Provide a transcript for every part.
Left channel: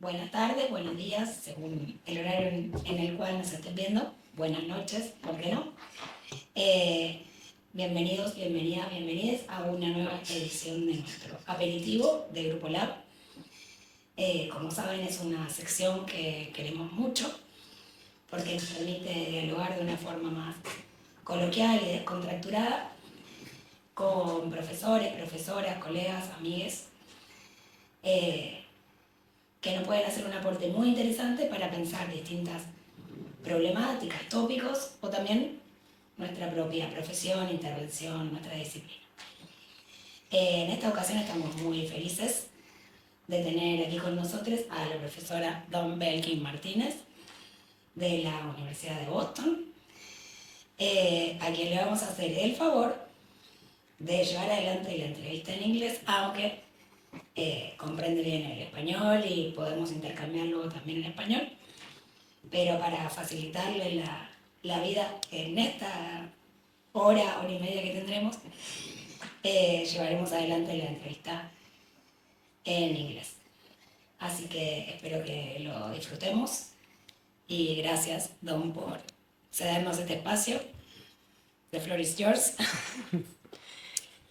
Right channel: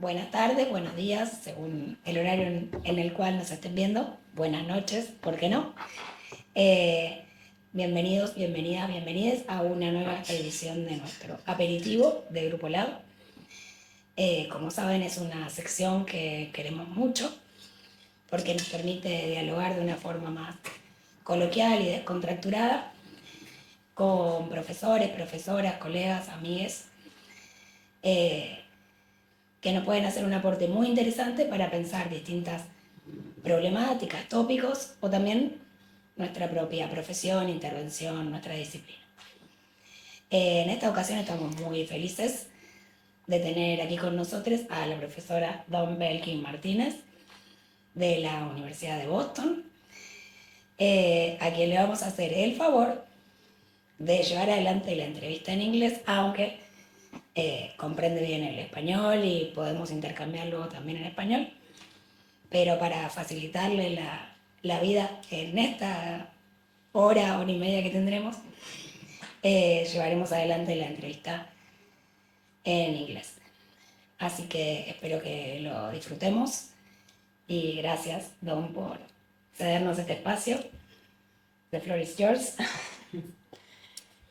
buenas tardes, buenos días, según el horario en el cual nos estén viendo. Buenas noches, ¿por qué no? Bienvenidos, bienvenidas, bienvenides a una nueva edición de nuestro Aperitivo de Grupo Lab. Como saben, es una sección que queremos mucho porque nos permite dialogar de una forma más coloquial y descontracturada con profesores, profesoras, colegas, amigues, que nos pueden hacer un aporte muy interesante para pensar distintas problemáticas, tópicos o también nuestra propia profesión, intervención, nuestra disciplina. En esta ocasión estamos muy felices de tener aquí con nosotros a la profesora Belkin Martínez de la Universidad de Boston, a quien le vamos a hacer el favor de llevar adelante la entrevista en inglés, aunque comprende bien el español y podemos intercambiarlo también en español, pero para facilitarle la vida en esta hora y media que tendremos, llevaremos adelante la entrevista en inglés. Así que espero que lo disfrutemos y gracias, Don, por cedernos este espacio. The floor is yours.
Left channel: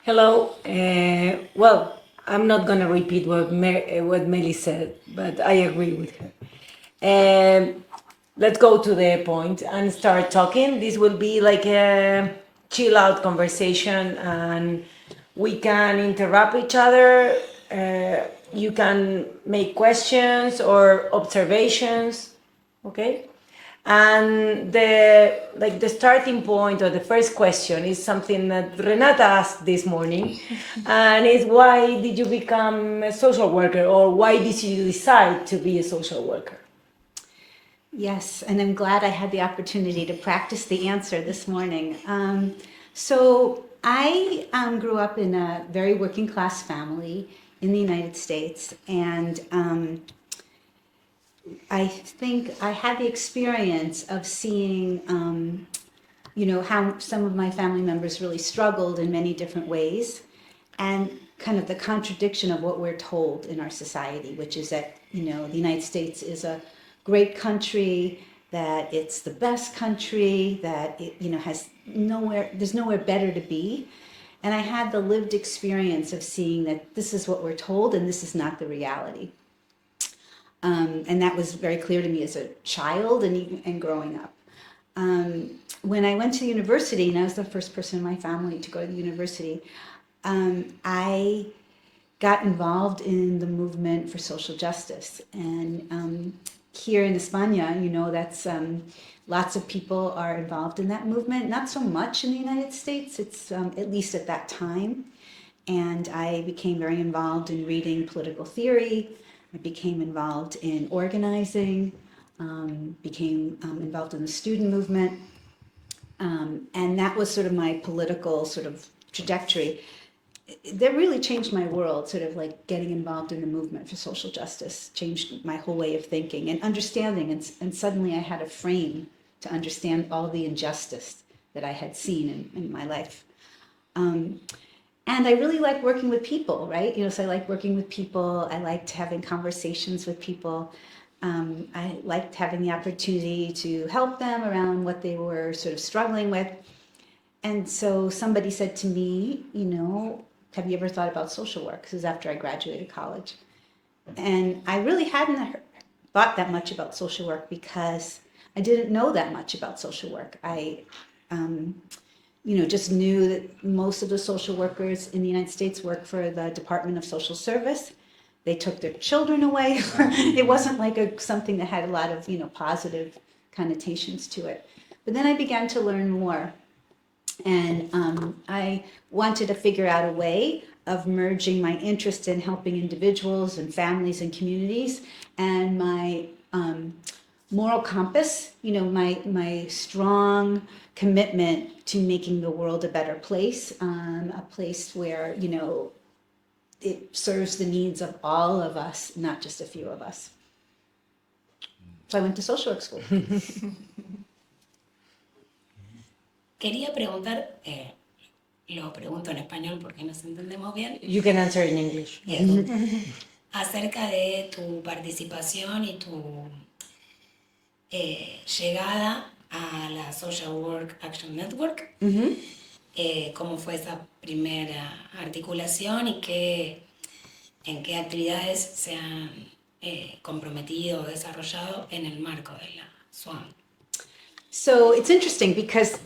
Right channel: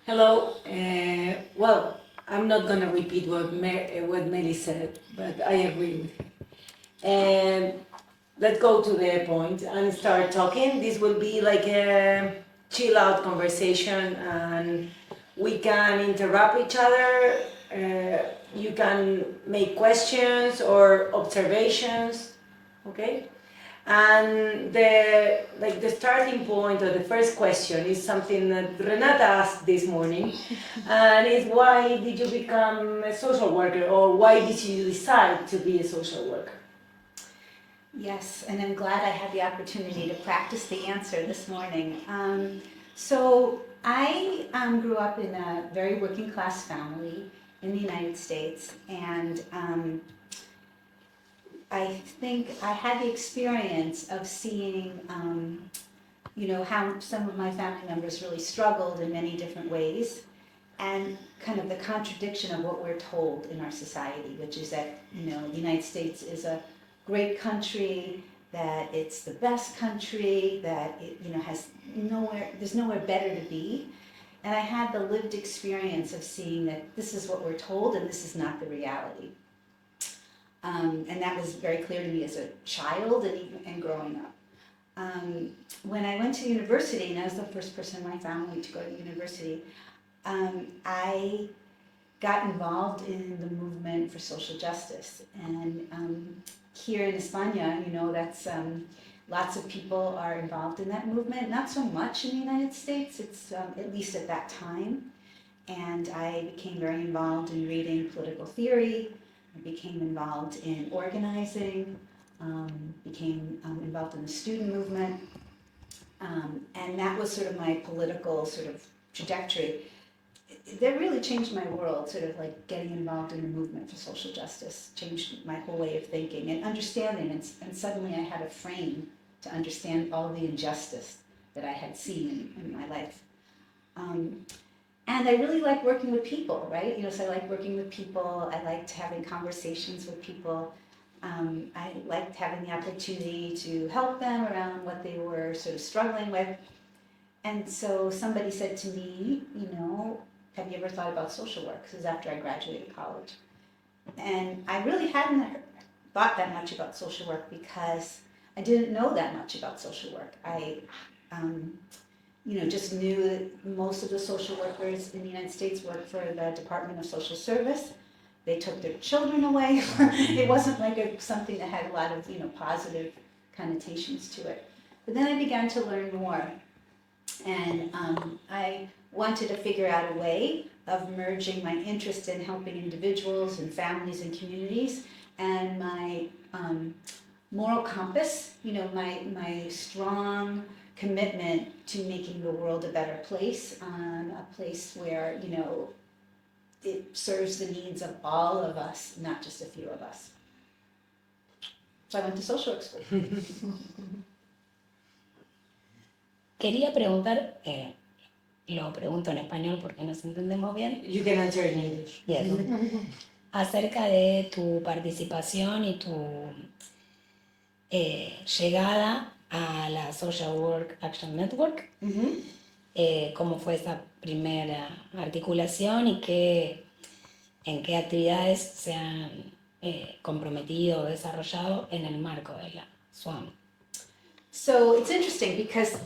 Hello. Well, I'm not going to repeat what Meli said, but I agree with her. Let's go to the point and start talking. This will be like a chill out conversation, and we can interrupt each other. You can make questions or observations, okay? And the starting point or the first question is something that Renata asked this morning, and is why did you become a social worker, or why did you decide to be a social worker? Yes, and I'm glad I had the opportunity to practice the answer this morning. So I grew up in a very working class family in the United States, and I think I had the experience of seeing, how some of my family members really struggled in many different ways, and kind of the contradiction of what we're told in our society, which is that, the United States is a great country, that it's the best country, that it, there's nowhere better to be. And I had the lived experience of seeing that this is what we're told and this is not the reality. And that was very clear to me as a child and growing up. When I went to university, and I was the first person in my family to go to university, I got involved in the movement for social justice. And here in España, that's lots of people are involved in that movement. Not so much in the United States, it's at least at that time. And I became very involved in reading political theory. I became involved in organizing, became involved in the student movement, and that was sort of my political sort of trajectory. That really changed my world, sort of like getting involved in the movement for social justice, changed my whole way of thinking and understanding, and suddenly I had a frame to understand all the injustice that I had seen in my life. And I really like working with people, right? So I like working with people. I liked having conversations with people. I liked having the opportunity to help them around what they were sort of struggling with. And so somebody said to me, have you ever thought about social work? This is after I graduated college. And I really hadn't thought that much about social work because I didn't know that much about social work. I just knew that most of the social workers in the United States work for the Department of Social Service. They took their children away. It wasn't like something that had a lot of, positive connotations to it. But then I began to learn more. And I wanted to figure out a way of merging my interest in helping individuals and families and communities and my moral compass, my strong commitment to making the world a better place, a place where, it serves the needs of all of us, not just a few of us. So I went to social work school. Quería preguntar, lo pregunto en español porque nos entendemos bien. You can answer in English. Yes. acerca de tu participación y tu llegada a la Social Work Action Network. Cómo fue esa primera articulación y en qué actividades se han comprometido o desarrollado en el marco de la SWAN. So it's interesting because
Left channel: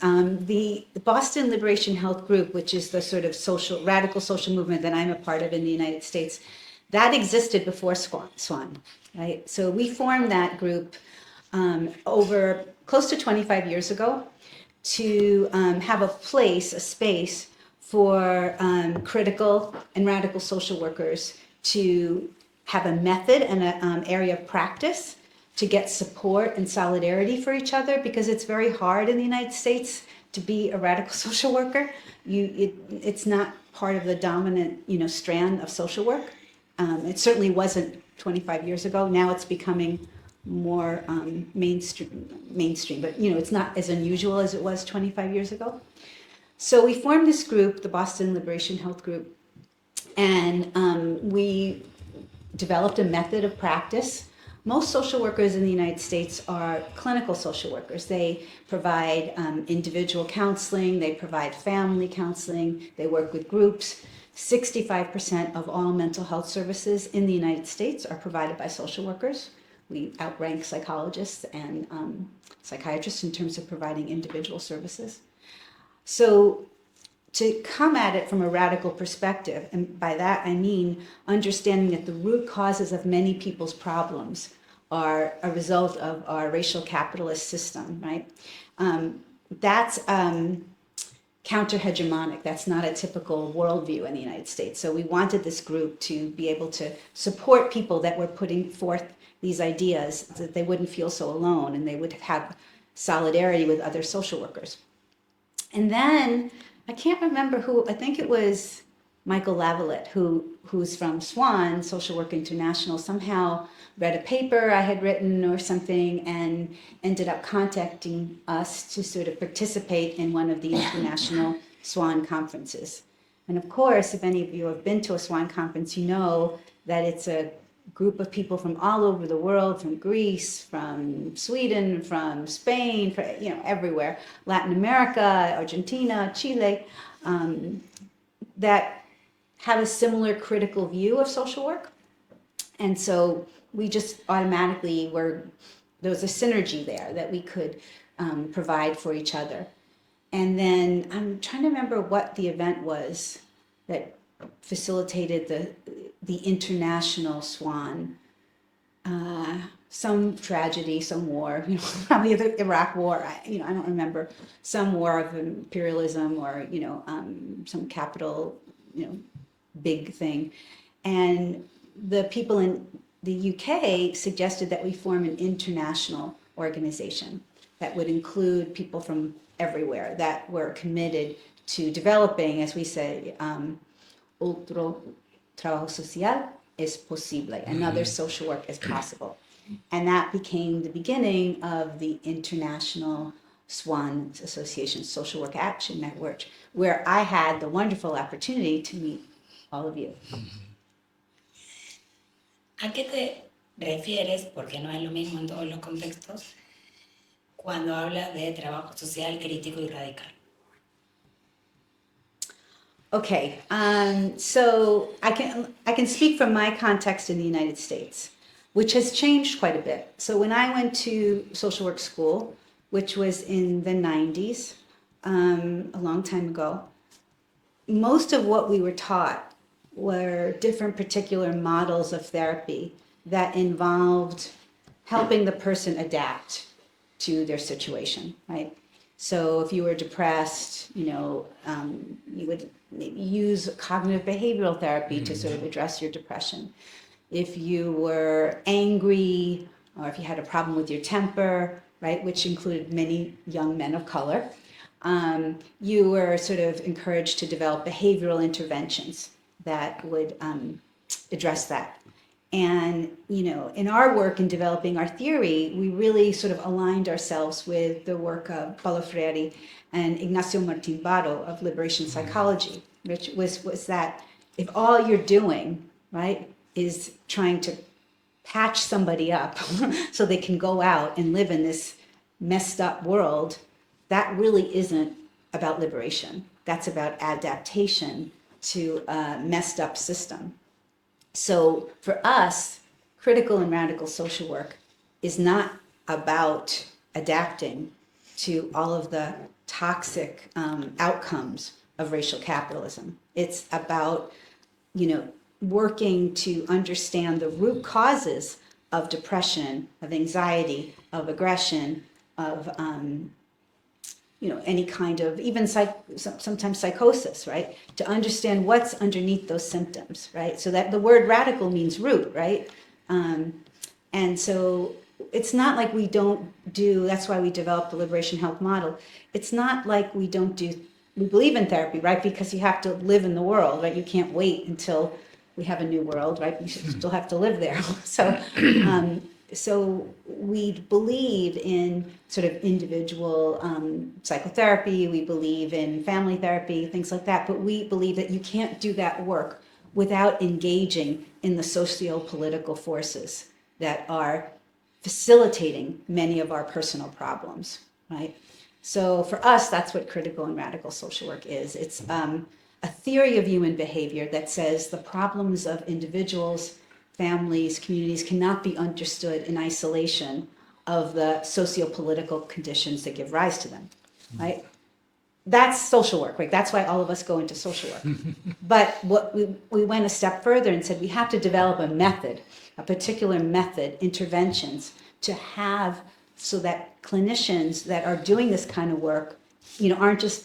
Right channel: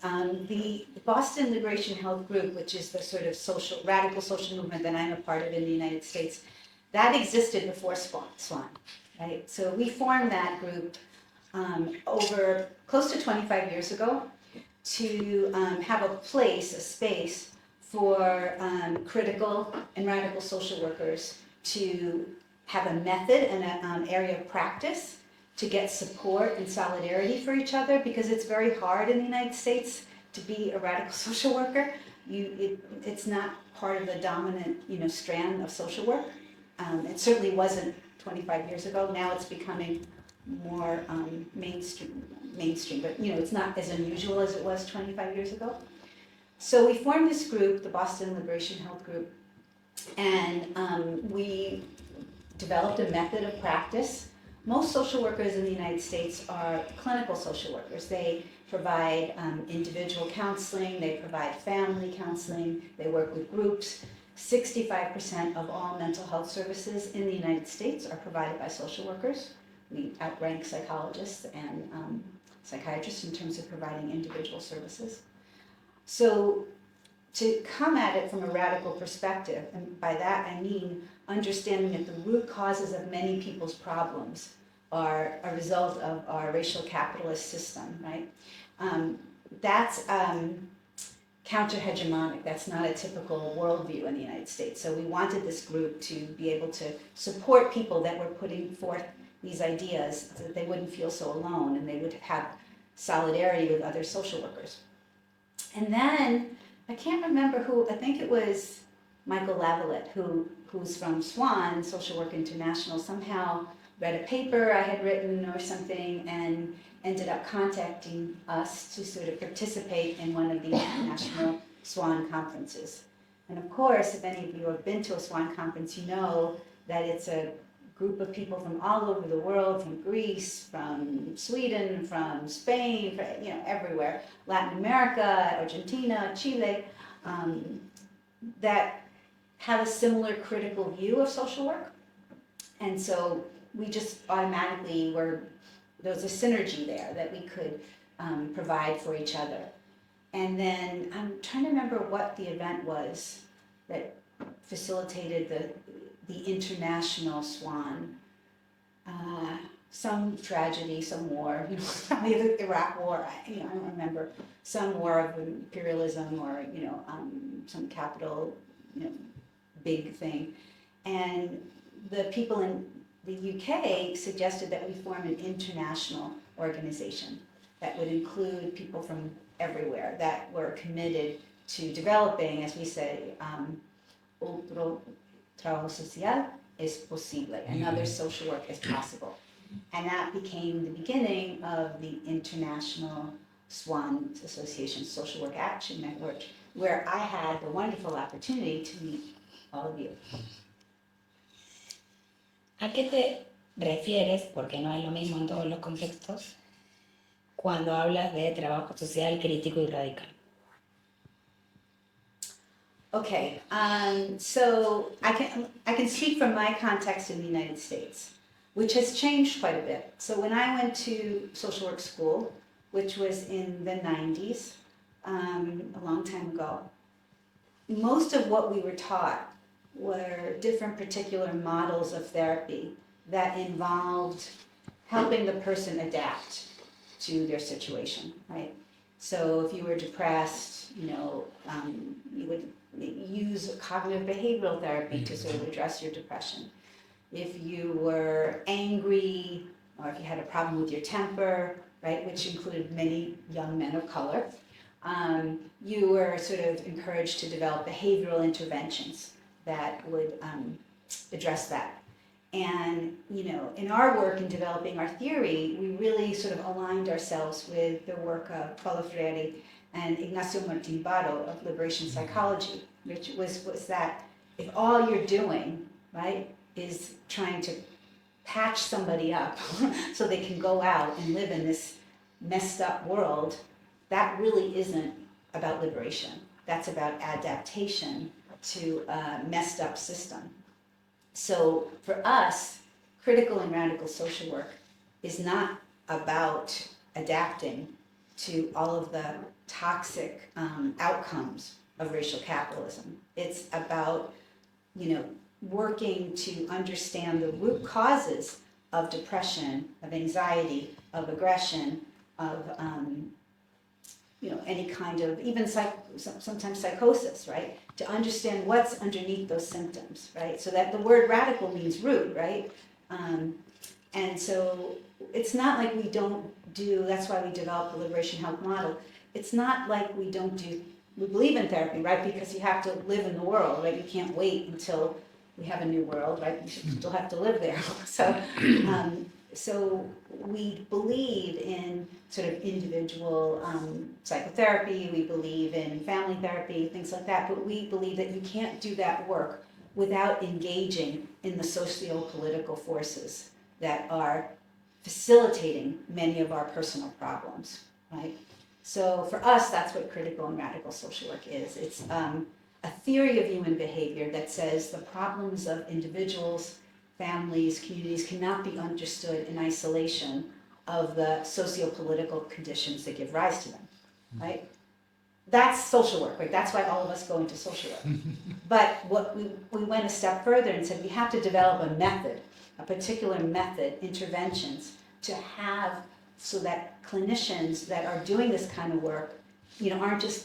the Boston Liberation Health Group, which is the sort of radical social movement that I'm a part of in the United States, that existed before SWAN, right? So we formed that group over close to 25 years ago to have a space for critical and radical social workers to have a method and an area of practice to get support and solidarity for each other, because it's very hard in the United States to be a radical social worker. It's not part of the dominant, strand of social work. It certainly wasn't 25 years ago. Now it's becoming more mainstream, but it's not as unusual as it was 25 years ago. So we formed this group, the Boston Liberation Health Group, and we developed a method of practice. Most social workers in the United States are clinical social workers. They provide individual counseling, they provide family counseling, they work with groups. 65% of all mental health services in the United States are provided by social workers. We outrank psychologists and psychiatrists in terms of providing individual services. So to come at it from a radical perspective, and by that I mean understanding that the root causes of many people's problems are a result of our racial capitalist system, right? That's counter-hegemonic. That's not a typical worldview in the United States. So we wanted this group to be able to support people that were putting forth these ideas, so that they wouldn't feel so alone and they would have solidarity with other social workers. And then, I can't remember who, I think it was Michael Lavalette, who's from SWAN, Social Work International, somehow read a paper I had written or something and ended up contacting us to sort of participate in one of the international SWAN conferences. And of course, if any of you have been to a SWAN conference, you know that it's a group of people from all over the world, from Greece, from Sweden, from Spain, from, everywhere, Latin America, Argentina, Chile, that have a similar critical view of social work. And so we just automatically there was a synergy there that we could provide for each other. And then I'm trying to remember what the event was that facilitated the international SWAN, some tragedy, some war, probably the Iraq War, I don't remember, some war of imperialism or, some capital, big thing. And the people in the UK suggested that we form an international organization that would include people from everywhere that were committed to developing, as we say, otro trabajo social es posible, another social work is possible. And that became the beginning of the International SWAN Association, Social Work Action Network, where I had the wonderful opportunity to meet all of you. ¿A qué te refieres, porque no es lo mismo en todos los contextos, cuando hablas de trabajo social crítico y radical? Okay, so I can speak from my context in the United States, which has changed quite a bit. So when I went to social work school, which was in the 90s, a long time ago, most of what we were taught were different particular models of therapy that involved helping the person adapt to their situation, right? So if you were depressed, you would maybe use cognitive behavioral therapy to sort of address your depression. If you were angry, or if you had a problem with your temper, right, which included many young men of color, you were sort of encouraged to develop behavioral interventions that would address that. And, in our work in developing our theory, we really sort of aligned ourselves with the work of Paulo Freire and Ignacio Martín Baró of liberation psychology, which was that if all you're doing, right, is trying to patch somebody up so they can go out and live in this messed up world, that really isn't about liberation. That's about adaptation to a messed up system. So for us, critical and radical social work is not about adapting to all of the toxic outcomes of racial capitalism. It's about, working to understand the root causes of depression, of anxiety, of aggression, of any kind of, even sometimes psychosis, right? To understand what's underneath those symptoms, right? So that the word radical means root, right? And so it's not like we don't do, that's why we developed the liberation health model. It's not like we believe in therapy, right? Because you have to live in the world, right? You can't wait until we have a new world, right? You still have to live there. So we believe in sort of individual psychotherapy, we believe in family therapy, things like that, but we believe that you can't do that work without engaging in the socio-political forces that are facilitating many of our personal problems, right? So for us, that's what critical and radical social work is. It's a theory of human behavior that says the problems of individuals, families, communities cannot be understood in isolation of the socio-political conditions that give rise to them, right? That's social work, right? That's why all of us go into social work. But what we went a step further and said we have to develop a method, a particular method, interventions to have so that clinicians that are doing this kind of work, aren't just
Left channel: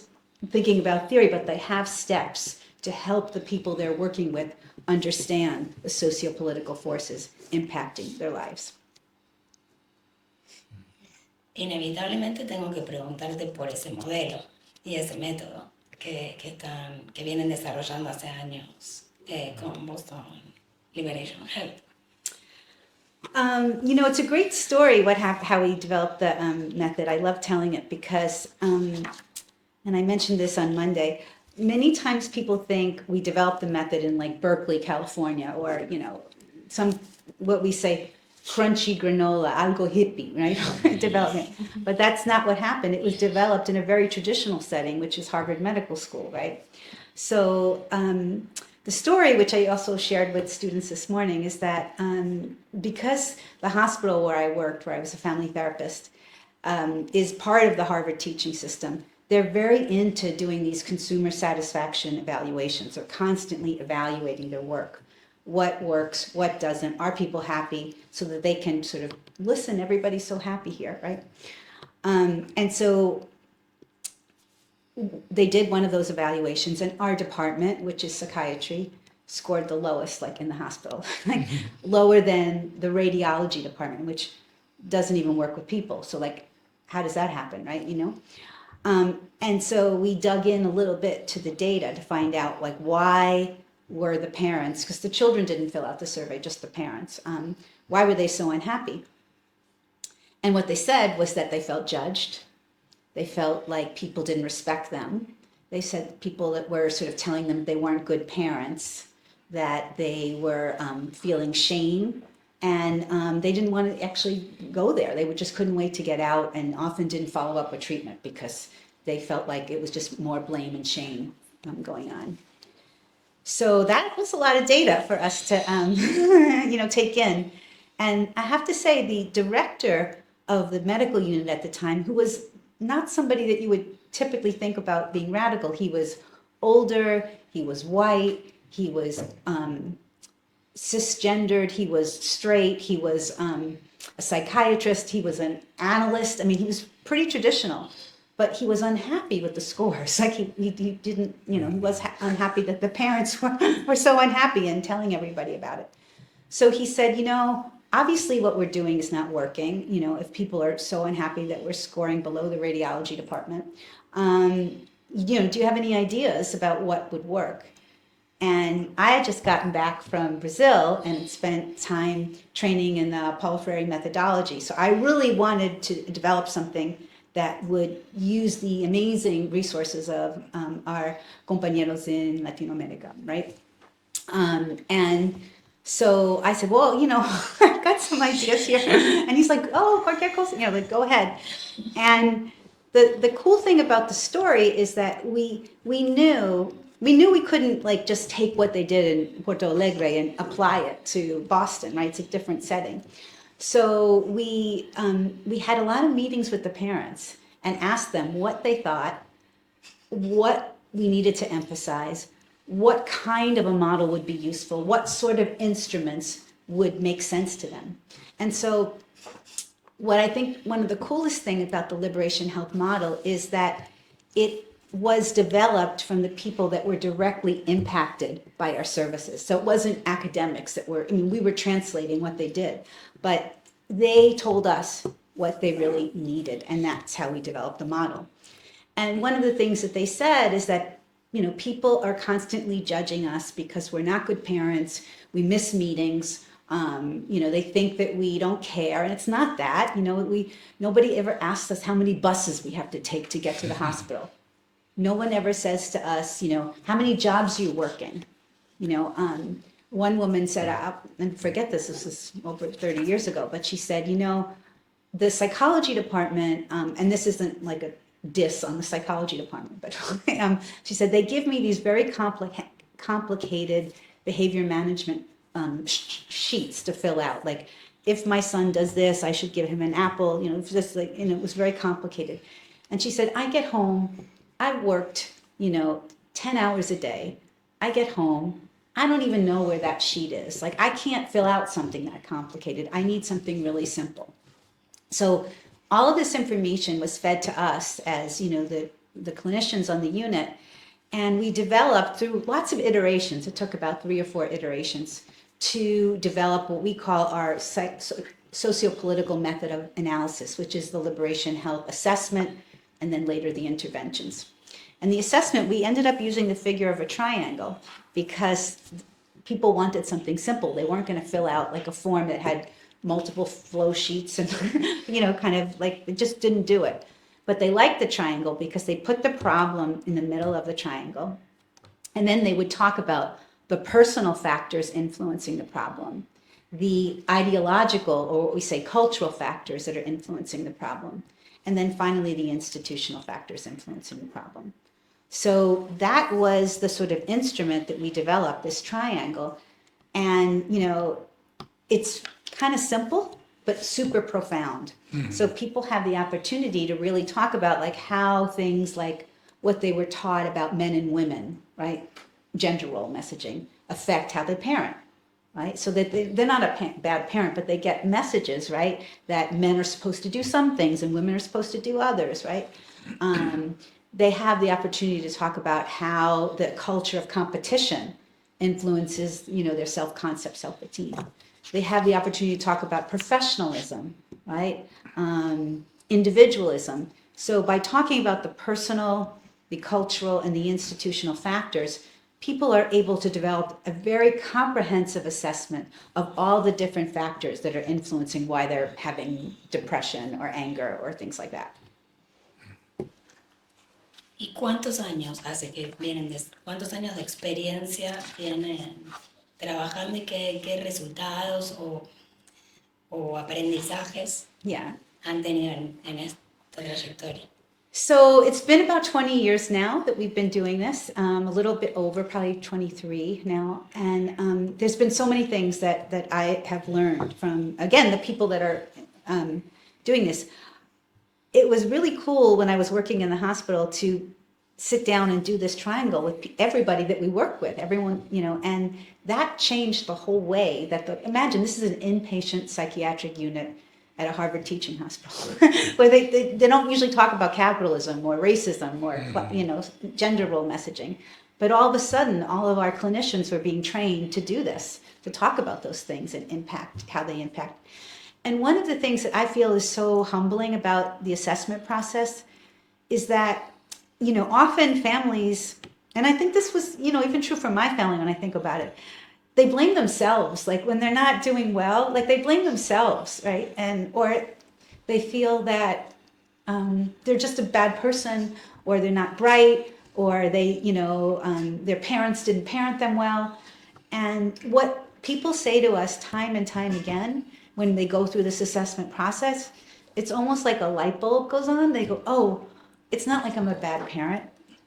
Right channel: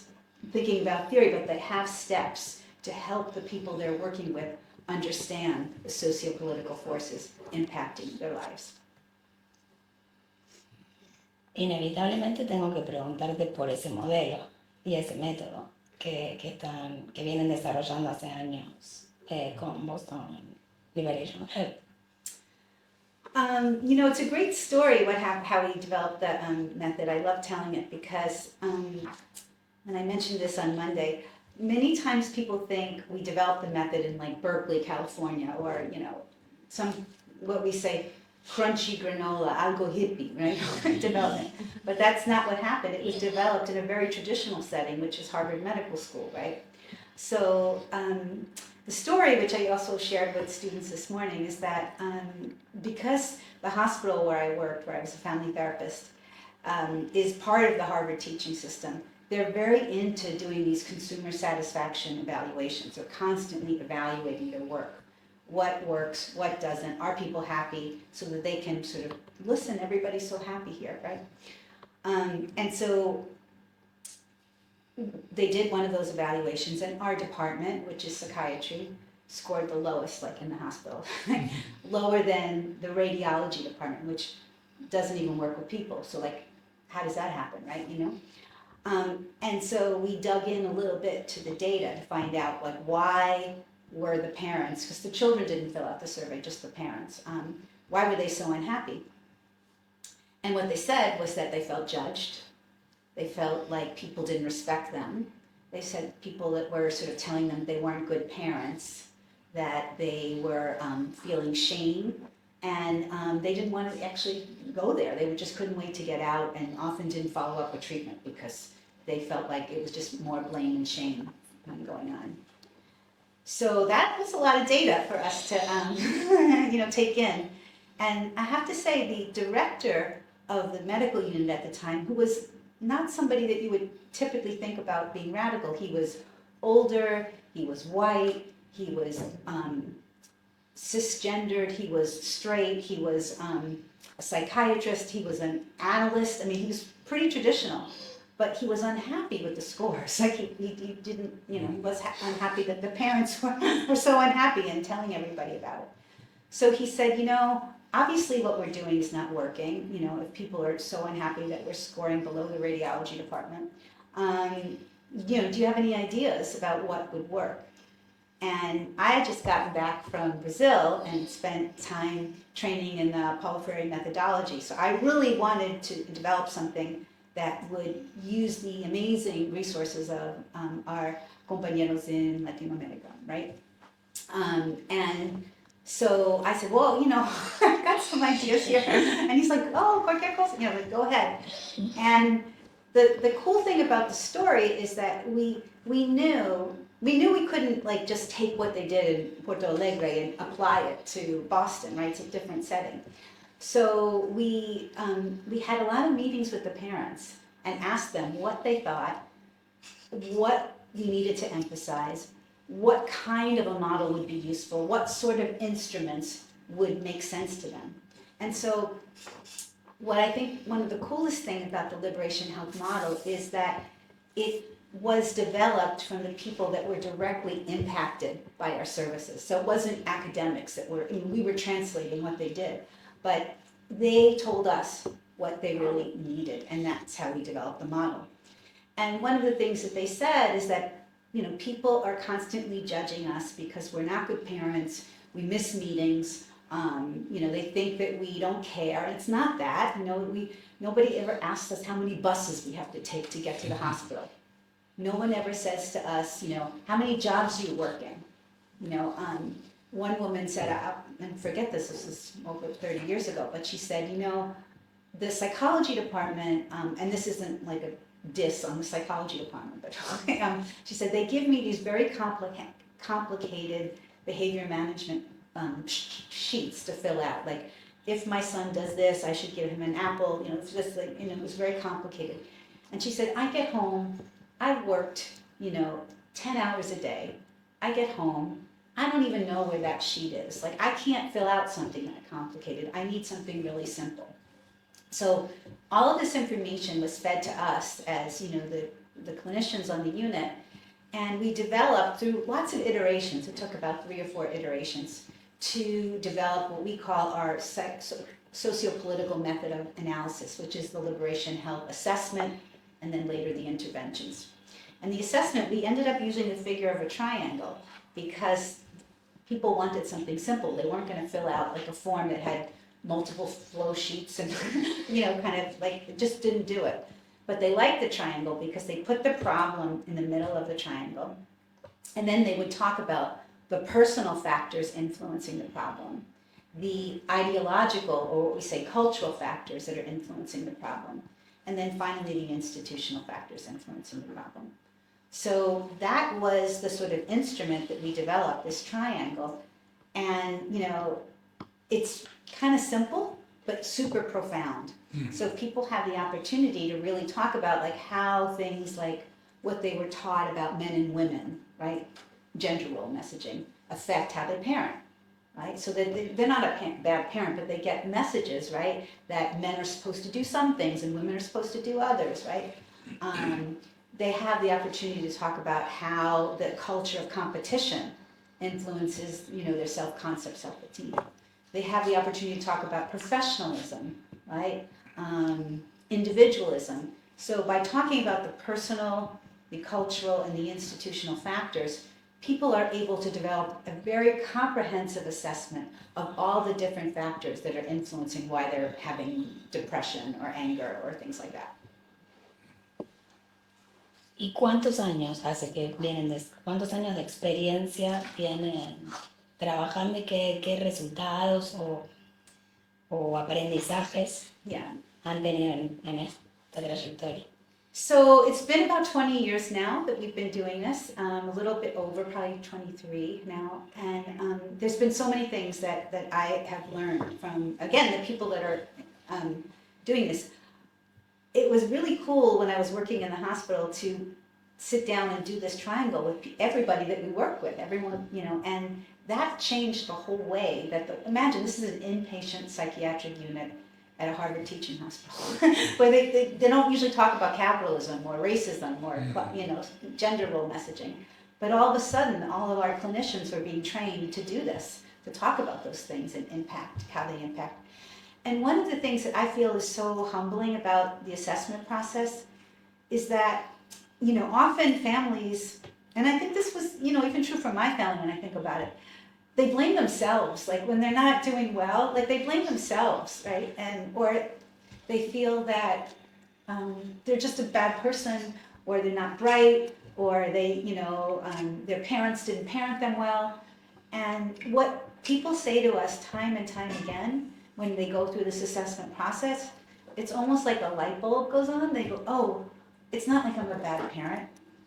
thinking about theory, but they have steps to help the people they're working with understand the socio-political forces impacting their lives. Inevitablemente tengo que preguntarte por ese modelo y ese método que vienen desarrollando hace años con Boston Liberation Health. It's a great story how we developed the method. I love telling it because, and I mentioned this on Monday, many times people think we developed the method in like Berkeley, California, or, what we say, crunchy granola, algo hippie, right? Development. But that's not what happened. It was developed in a very traditional setting, which is Harvard Medical School, right? So the story, which I also shared with students this morning, is that because the hospital where I worked, where I was a family therapist, is part of the Harvard teaching system, they're very into doing these consumer satisfaction evaluations. They're constantly evaluating their work. What works, what doesn't, are people happy, so that they can sort of listen, everybody's so happy here, right? And so they did one of those evaluations, and our department, which is psychiatry, scored the lowest, like in the hospital, lower than the radiology department, which doesn't even work with people. So like, how does that happen, right? And so we dug in a little bit to the data to find out like why were the parents, because the children didn't fill out the survey, just the parents, why were they so unhappy? And what they said was that they felt judged. They felt like people didn't respect them. They said people that were sort of telling them they weren't good parents, that they were feeling shame, and they didn't want to actually go there. They just couldn't wait to get out, and often didn't follow up with treatment because they felt like it was just more blame and shame going on. So that was a lot of data for us to take in. And I have to say, the director of the medical unit at the time, who was not somebody that you would typically think about being radical. He was older, he was white, he was cisgendered, he was straight, he was a psychiatrist, he was an analyst. I mean, he was pretty traditional, but he was unhappy with the scores. Like he didn't, he was unhappy that the parents were so unhappy and telling everybody about it. So he said, obviously what we're doing is not working. If people are so unhappy that we're scoring below the radiology department, do you have any ideas about what would work? And I had just gotten back from Brazil and spent time training in the Paulo Freire methodology. So I really wanted to develop something that would use the amazing resources of our compañeros in Latino America, right? And So I said, well, I've got some ideas here. And he's like, oh, cualquier cosa, like, go ahead. And the cool thing about the story is that we knew we couldn't like just take what they did in Porto Alegre and apply it to Boston, right? It's a different setting. So we had a lot of meetings with the parents and asked them what they thought, what we needed to emphasize, what kind of a model would be useful, what sort of instruments would make sense to them. And so what I think one of the coolest thing about the Liberation Health model is that it was developed from the people that were directly impacted by our services. So it wasn't academics that were, we were translating what they did, but they told us what they really needed, and that's how we developed the model. And one of the things that they said is that, people are constantly judging us because we're not good parents, we miss meetings, they think that we don't care, and it's not that. Nobody ever asks us how many buses we have to take to get to the hospital. No one ever says to us, how many jobs are you working? One woman said, and forget this was over 30 years ago, but she said, the psychology department, and this isn't like a diss on the psychology department, but she said, they give me these very complicated behavior management sheets to fill out. Like, if my son does this, I should give him an apple, just like, it was very complicated. And she said, I get home, I've worked, 10 hours a day. I get home, I don't even know where that sheet is. Like, I can't fill out something that complicated. I need something really simple. So all of this information was fed to us as, the clinicians on the unit. And we developed through lots of iterations, it took about 3 or 4 iterations, to develop what we call our socio-political method of analysis, which is the Liberation Health assessment, and then later the interventions. And the assessment, we ended up using the figure of a triangle because people wanted something simple. They weren't going to fill out like a form that had multiple flow sheets and, kind of like, it just didn't do it. But they liked the triangle because they put the problem in the middle of the triangle. And then they would talk about the personal factors influencing the problem, the ideological, or what we say cultural factors that are influencing the problem, and then finally the institutional factors influencing the problem. So that was the sort of instrument that we developed, this triangle. And, it's kind of simple, but super profound. So people have the opportunity to really talk about like how things like what they were taught about men and women, right? Gender role messaging affect how they parent, right? So that they're not a bad parent, but they get messages, right? That men are supposed to do some things and women are supposed to do others, right? They have the opportunity to talk about how the culture of competition influences, their self-concept, self-esteem. They have the opportunity to talk about professionalism, right? Individualism. So by talking about the personal, the cultural, and the institutional factors, people are able to develop a very comprehensive assessment of all the different factors that are influencing why they're having depression or anger or things like that. ¿Y cuántos años hace que vienen cuántos años de experiencia tienen trabajando y qué resultados o aprendizajes han tenido en esta trayectoria? So it's been about 20 years now that we've been doing this, a little bit over, probably 23 now. And there's been so many things that I have learned from, again, the people that are doing this. It was really cool when I was working in the hospital to sit down and do this triangle with everybody that we work with, everyone, and that changed the whole way that imagine this is an inpatient psychiatric unit at a Harvard teaching hospital where they don't usually talk about capitalism or racism or, gender role messaging. But all of a sudden, all of our clinicians were being trained to do this, to talk about those things and impact, how they impact. And one of the things that I feel is so humbling about the assessment process is that, often families, and I think this was, even true for my family when I think about it, they blame themselves. Like when they're not doing well, like they blame themselves, right? Or they feel that they're just a bad person, or they're not bright, or they, their parents didn't parent them well. And what people say to us time and time again, when they go through this assessment process, it's almost like a light bulb goes on. They go, oh, it's not like I'm a bad parent,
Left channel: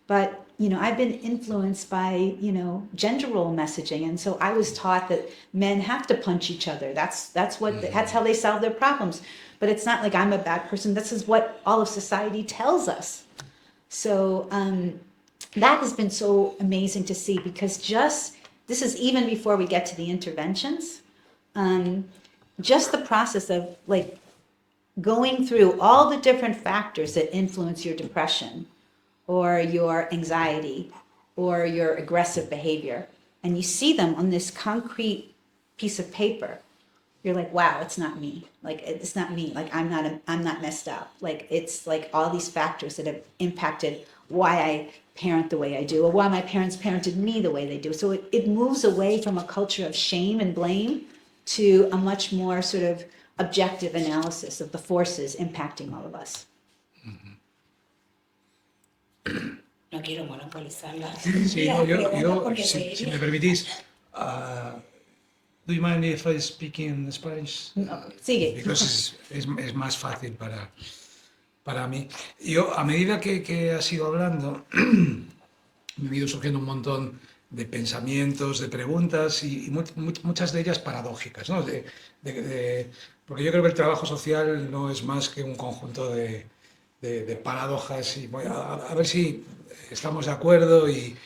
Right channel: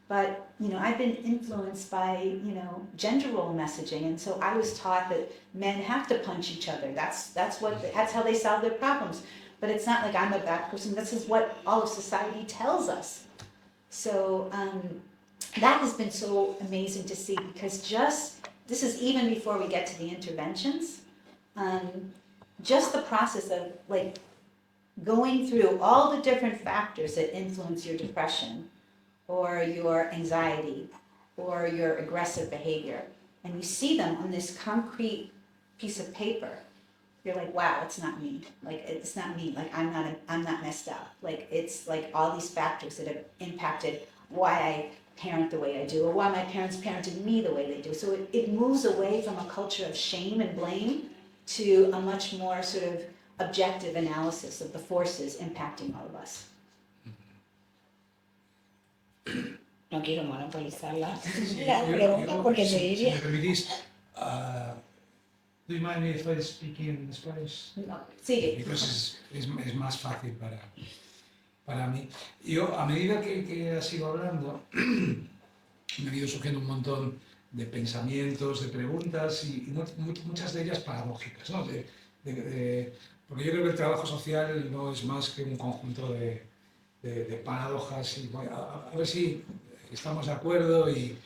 but I've been influenced by, gender role messaging. And so I was taught that men have to punch each other. That's how they solve their problems. But it's not like I'm a bad person. This is what all of society tells us. So that has been so amazing to see, because this is even before we get to the interventions, just the process of like going through all the different factors that influence your depression or your anxiety or your aggressive behavior, and you see them on this concrete piece of paper, you're like, wow, it's not me. Like, it's not me. Like, I'm not messed up. Like, it's like all these factors that have impacted why I parent the way I do, or why my parents parented me the way they do. So it moves away from a culture of shame and blame to a much more sort of objective analysis of the forces impacting all of us. No quiero monopolizar Sí, las no, preguntas porque si me permitís, do you mind if I speak in Spanish? No, sigue. Because es más fácil para mí. Yo, a medida que has ido hablando, me han ido surgiendo un montón de pensamientos, de preguntas y muchas de ellas paradójicas, ¿no? Porque yo creo que el trabajo social no es más que un conjunto de paradojas y bueno, a ver si estamos de acuerdo y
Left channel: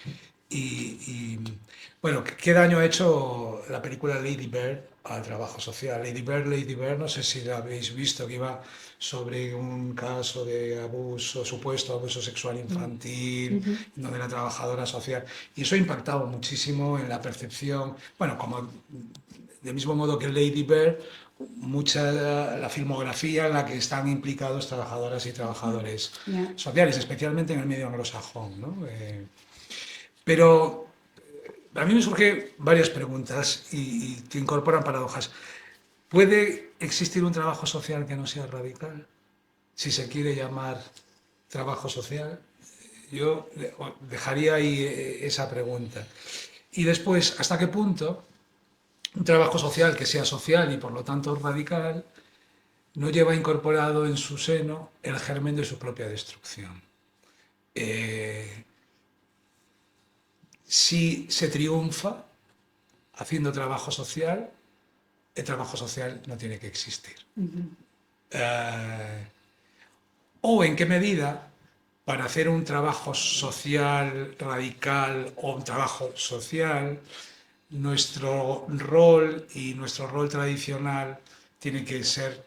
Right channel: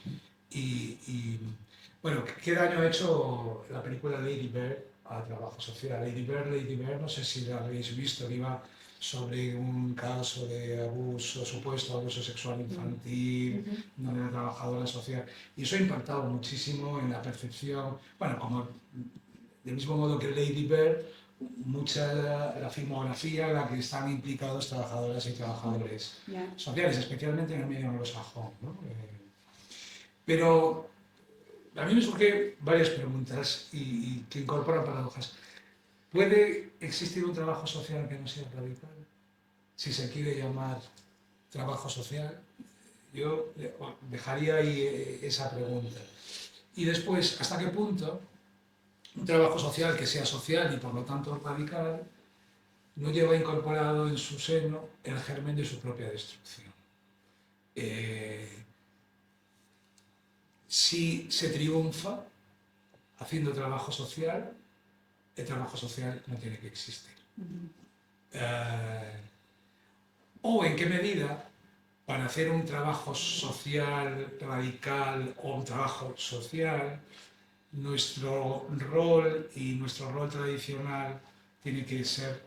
bueno, ¿qué daño ha hecho la película Lady Bird al trabajo social? Lady Bird, no sé si la habéis visto, que iba sobre un caso de supuesto abuso sexual infantil, donde la trabajadora social, y eso ha impactado muchísimo en la percepción, bueno, como del mismo modo que Lady Bird, la filmografía en la que están implicados trabajadoras y trabajadores sociales, especialmente en el medio anglosajón, ¿no? Pero a mí me surgen varias preguntas y que incorporan paradojas. ¿Puede existir un trabajo social que no sea radical? Si se quiere llamar trabajo social, yo dejaría ahí esa pregunta. Y después, ¿hasta qué punto un trabajo social que sea social y por lo tanto radical no lleva incorporado en su seno el germen de su propia destrucción? Si se triunfa haciendo trabajo social, el trabajo social no tiene que existir. O en qué medida, para hacer un trabajo social radical o un trabajo social, nuestro rol y nuestro rol tradicional tiene que ser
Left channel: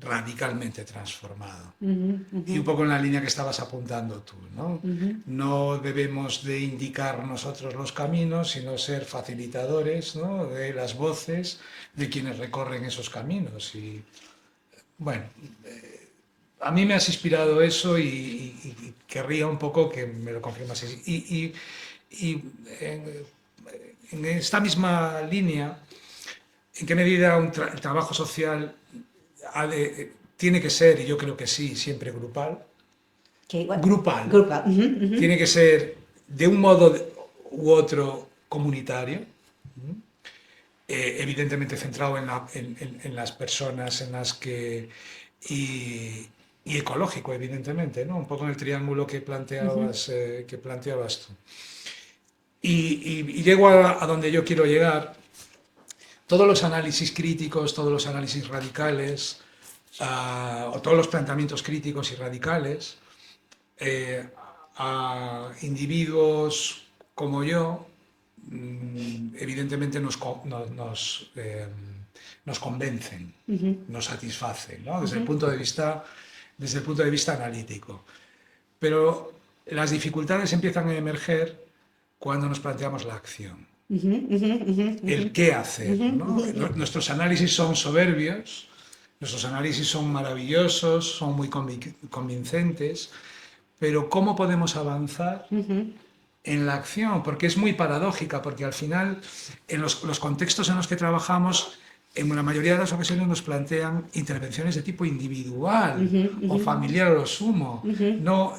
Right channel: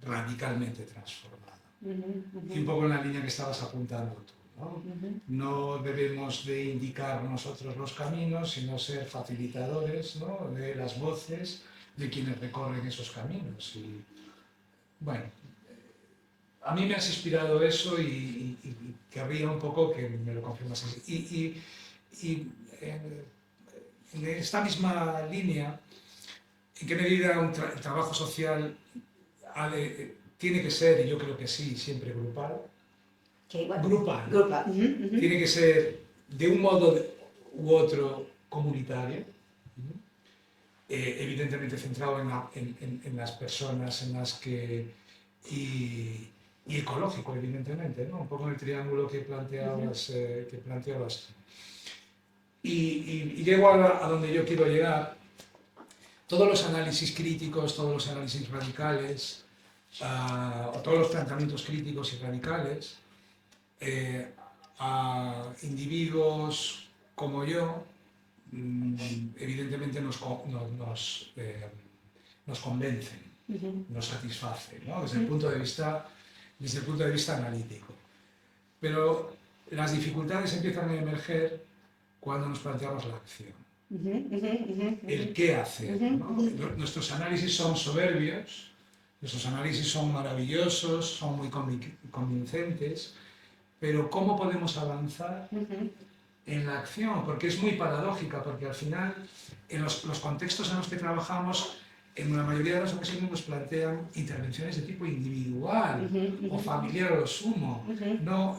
radicalmente transformado. Y un poco en la línea que estabas apuntando tú, ¿no? No debemos de indicar nosotros los caminos, sino ser facilitadores, ¿no?, de las voces de quienes recorren esos caminos. Y bueno, a mí me has inspirado eso y querría un poco que me lo confirmases. En esta misma línea, ¿en qué medida el trabajo social tiene que ser, y yo creo que sí, siempre grupal? Grupal. Tiene que ser de un modo u otro comunitario, evidentemente centrado en las personas en las que... y ecológico, evidentemente, ¿no? Un poco en el triángulo que planteabas tú. Y llego a donde yo quiero llegar. Todos los análisis críticos, todos los análisis radicales, o todos los planteamientos críticos y radicales, a individuos como yo, evidentemente nos convencen, nos satisfacen, ¿no? Desde el punto de vista analítico. Pero las dificultades empiezan a emerger cuando nos planteamos la acción. El qué hacer, ¿no? Nuestros análisis son soberbios, nuestros análisis son maravillosos, son muy convincentes, pero ¿cómo podemos avanzar en la acción? Porque es muy paradójica, porque al final, en los contextos en los que trabajamos, en la mayoría de las ocasiones nos plantean intervenciones de tipo individual o familiar a lo sumo, no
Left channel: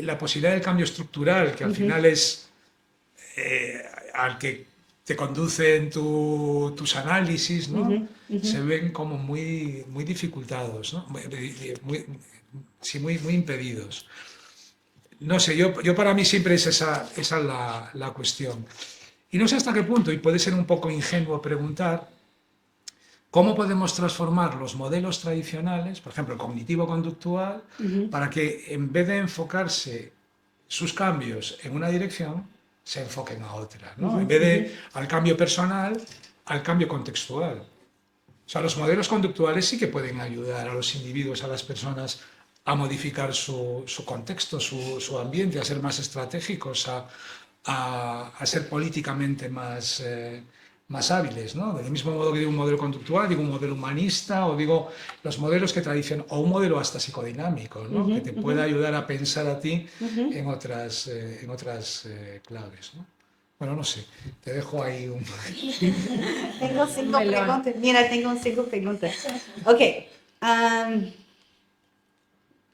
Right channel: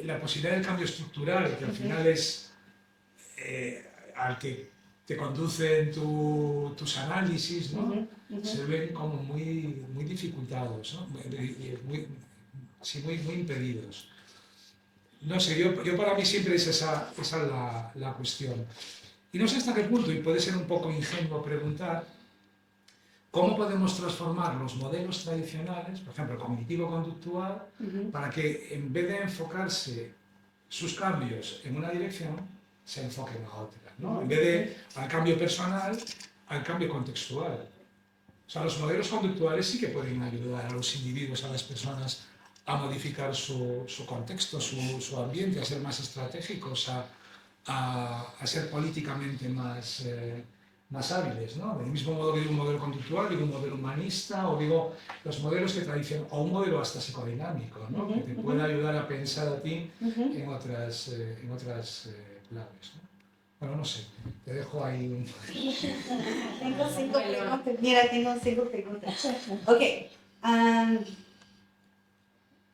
la posibilidad del cambio estructural, que al final es al que te conducen tus análisis, ¿no? Se ven como muy dificultados, ¿no? Sí, muy impedidos. No sé, yo para mí siempre es esa la cuestión. Y no sé hasta qué punto, y puede ser un poco ingenuo preguntar, ¿cómo podemos transformar los modelos tradicionales, por ejemplo, cognitivo-conductual, para que en vez de enfocarse sus cambios en una dirección, se enfoquen a otra, ¿no? En vez de al cambio personal, al cambio contextual. O sea, los modelos conductuales sí que pueden ayudar a los individuos, a las personas, a modificar su contexto, su ambiente, a ser más estratégicos, a ser políticamente más hábiles, ¿no? Del mismo modo que digo un modelo conductual, digo un modelo humanista, o digo los modelos que tradicionan, o un modelo hasta psicodinámico, ¿no? Que te pueda ayudar a pensar a ti en otras claves, ¿no? Bueno, no sé, te dejo ahí un... Tengo 5 preguntas. Mira, tengo 5 preguntas. Okay.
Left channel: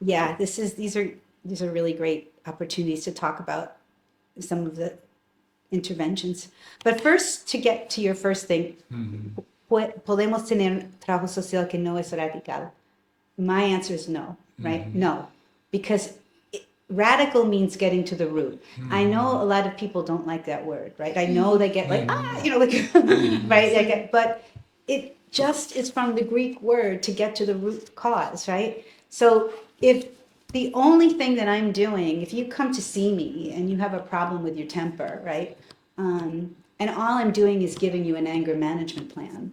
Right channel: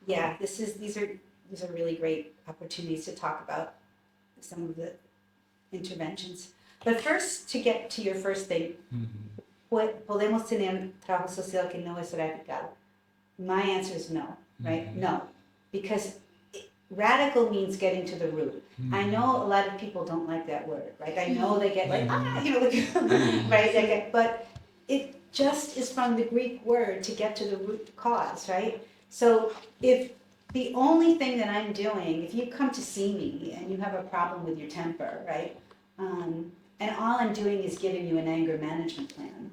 Yeah, these are really great opportunities to talk about some of the interventions. But first, to get to your first thing, podemos tener trabajo social que no es radical? My answer is no, right? No, because radical means getting to the root. I know a lot of people don't like that word, right? I know they get like, right? But it just is from the Greek word to get to the root cause, right? So if the only thing that I'm doing, if you come to see me and you have a problem with your temper, right? And all I'm doing is giving you an anger management plan,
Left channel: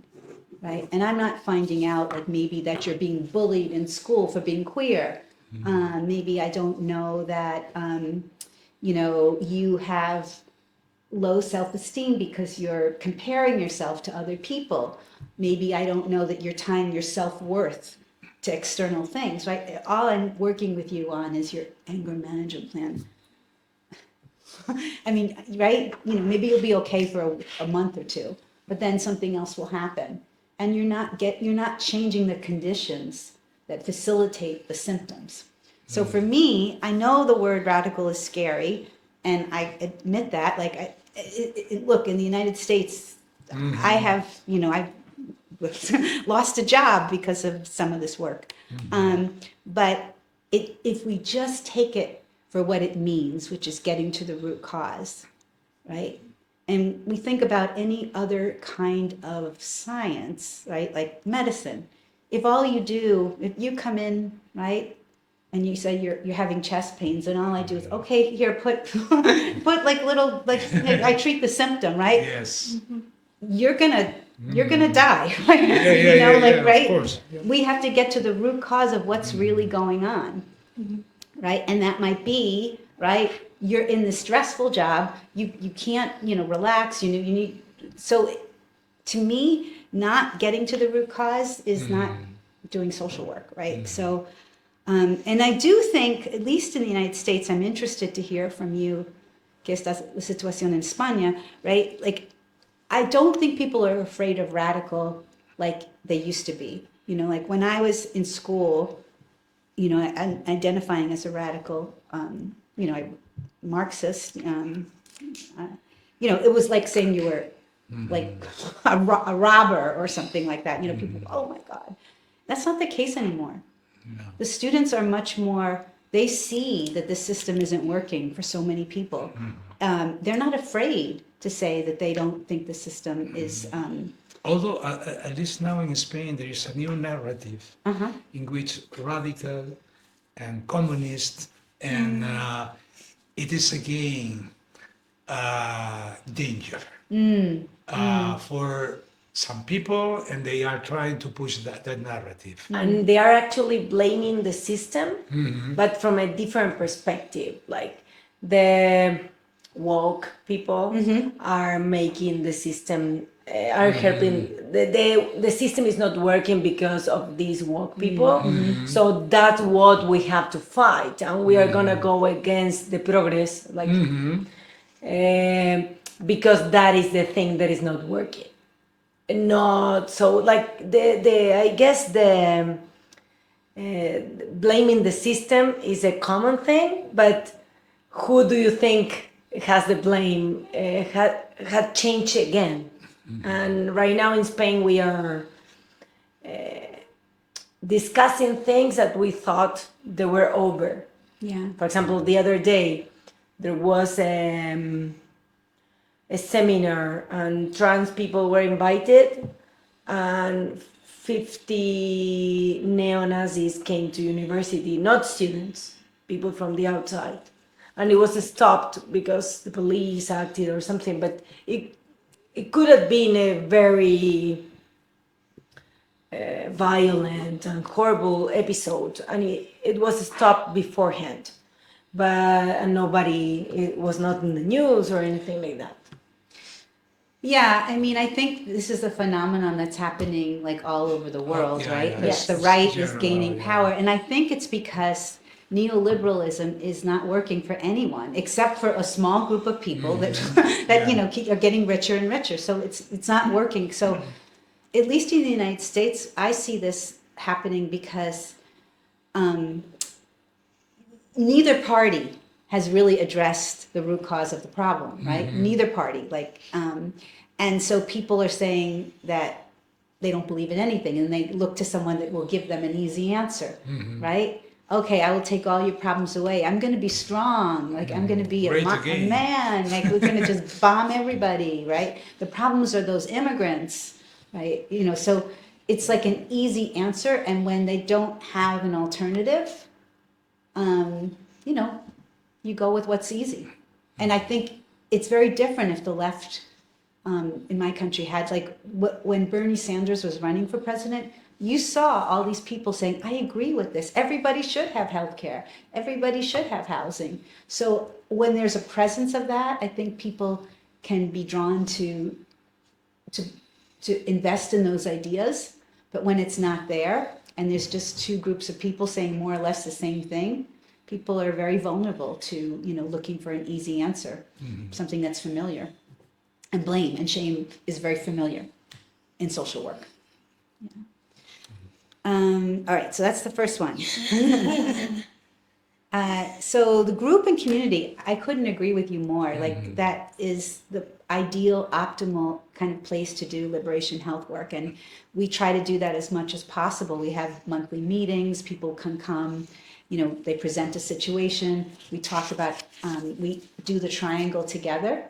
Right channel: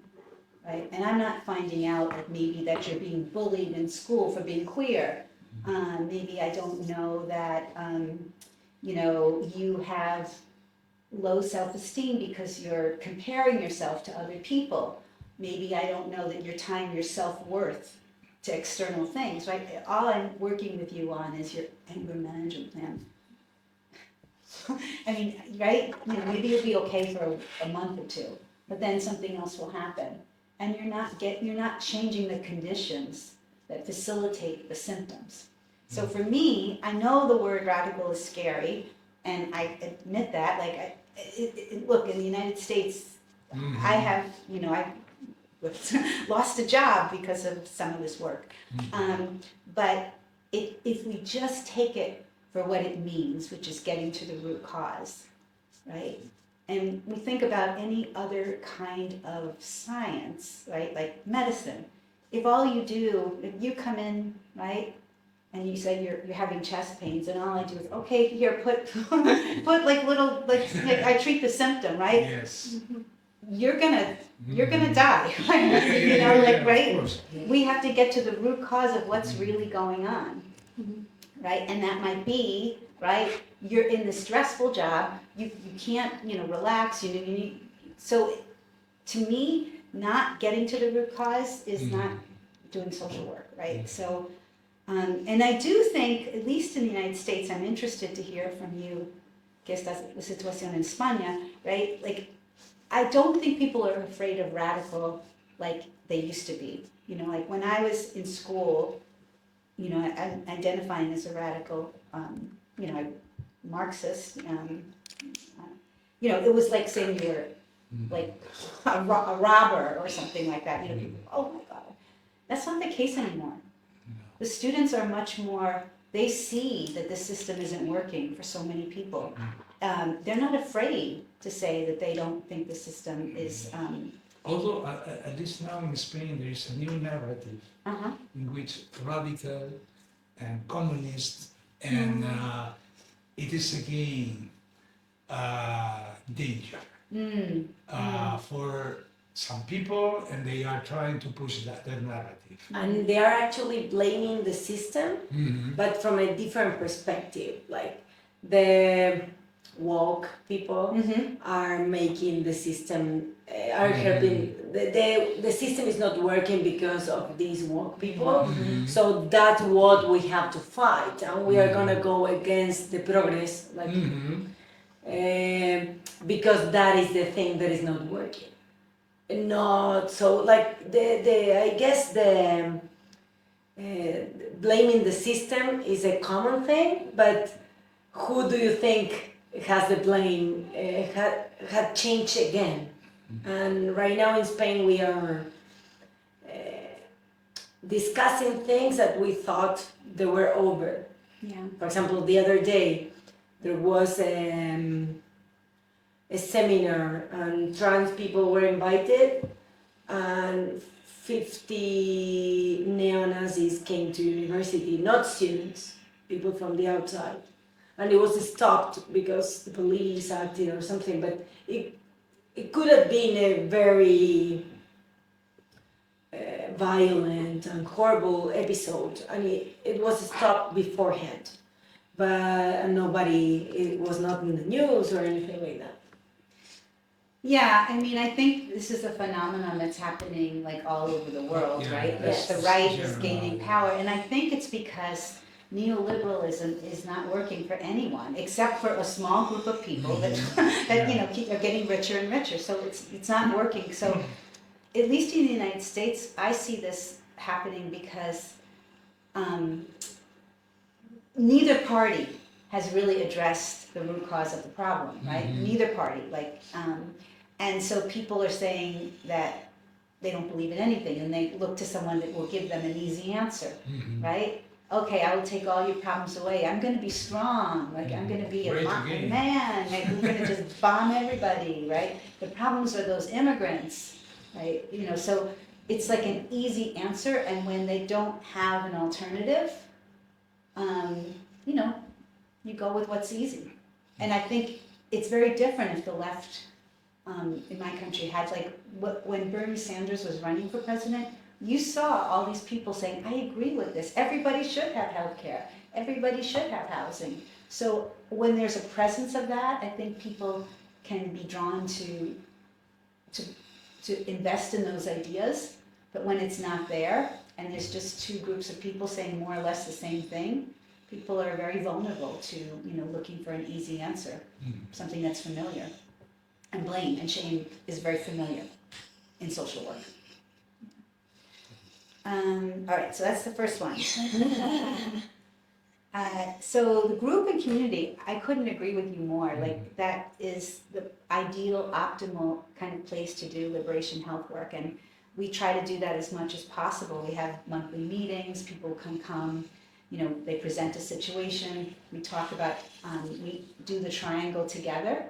right? And I'm not finding out like maybe that you're being bullied in school for being queer. Maybe I don't know that, you have low self-esteem because you're comparing yourself to other people. Maybe I don't know that you're tying your self-worth to external things, right? All I'm working with you on is your anger management plan. I mean, right? Maybe you'll be okay for a month or two, but then something else will happen. And you're not changing the conditions that facilitate the symptoms. So for me, I know the word radical is scary, and I admit that. Like, look, in the United States, I have, I've lost a job because of some of this work. But if we just take it for what it means, which is getting to the root cause, right? And we think about any other kind of science, right? Like medicine. If you come in, right, and you say you're having chest pains, and all I do is, okay, here, put like little, like, I treat the symptom, right? Yes. You're gonna die, right? Of course. We have to get to the root cause of what's really going on, right? And that might be, right, you're in the stressful job, you can't, relax, you need, so to me, not getting to the root cause is not doing social work, right? So, and I do think, at least in the United States, I'm interested to hear from you, que esta la situación en España, right? Like, I don't think people are afraid of radical like they used to be. Like when I was in school, identifying as a radical, Marxist, it was like saying you were like a robber or something like that. People, oh my God. That's not the case anymore. No. The students are much more, they see that the system isn't working for so many people. They're not afraid to say that they don't think the system is... Although, at least now in Spain, there is a new narrative in which radical and communist, and it is again danger for some people, and they are trying to push that narrative. And they are actually blaming the system, but from a different perspective. Like the woke people are making the system, are helping, the system is not working because of these woke people. So that's what we have to fight, and we are gonna go against the progress, like, because that is the thing that is not working. Not so, like, I guess the blaming the system is a common thing, but who do you think has the blame, had changed again. And right now in Spain, we are discussing things that we thought they were over. Yeah. For example, the other day, there was a seminar and trans people were invited, and 50 neo-Nazis came to university, not students, people from the outside. And it was stopped because the police acted or something, but it could have been a very violent and horrible episode, and it was stopped beforehand. But nobody, it was not in the news or anything like that. Yeah, I mean, I think this is a phenomenon that's happening like all over the world, yeah, right? yeah, That yes. the right is General, gaining yeah. power, and I think it's because neoliberalism is not working for anyone except for a small group of people that that you know are getting richer and richer. So it's not working. So at least in the United States, I see this happening because neither party has really addressed the root cause of the problem, right? Neither party, and so people are saying that they don't believe in anything, and they look to someone that will give them an easy answer, right? Okay, I will take all your problems away. I'm going to be strong. Like I'm going to be a Great again. man. Like we're going to just bomb everybody, right? The problems are those immigrants, right? You know, so it's like an easy answer, and when they don't have an alternative, you know, you go with what's easy. And I think it's very different if the left in my country had like when Bernie Sanders was running for president, you saw all these people saying, I agree with this. Everybody should have health care. Everybody should have housing. So when there's a presence of that, I think people can be drawn to invest in those ideas. But when it's not there, and there's just two groups of people saying more or less the same thing, people are very vulnerable to, you know, looking for an easy answer, something that's familiar. And blame and shame is very familiar in social work. All right, so that's the first one. So the group and community, I couldn't agree with you more. Like that is the ideal, optimal kind of place to do liberation health work, and we try to do that as much as possible. We have monthly meetings. People can come. You know, they present a situation. We talk about. We do the triangle together,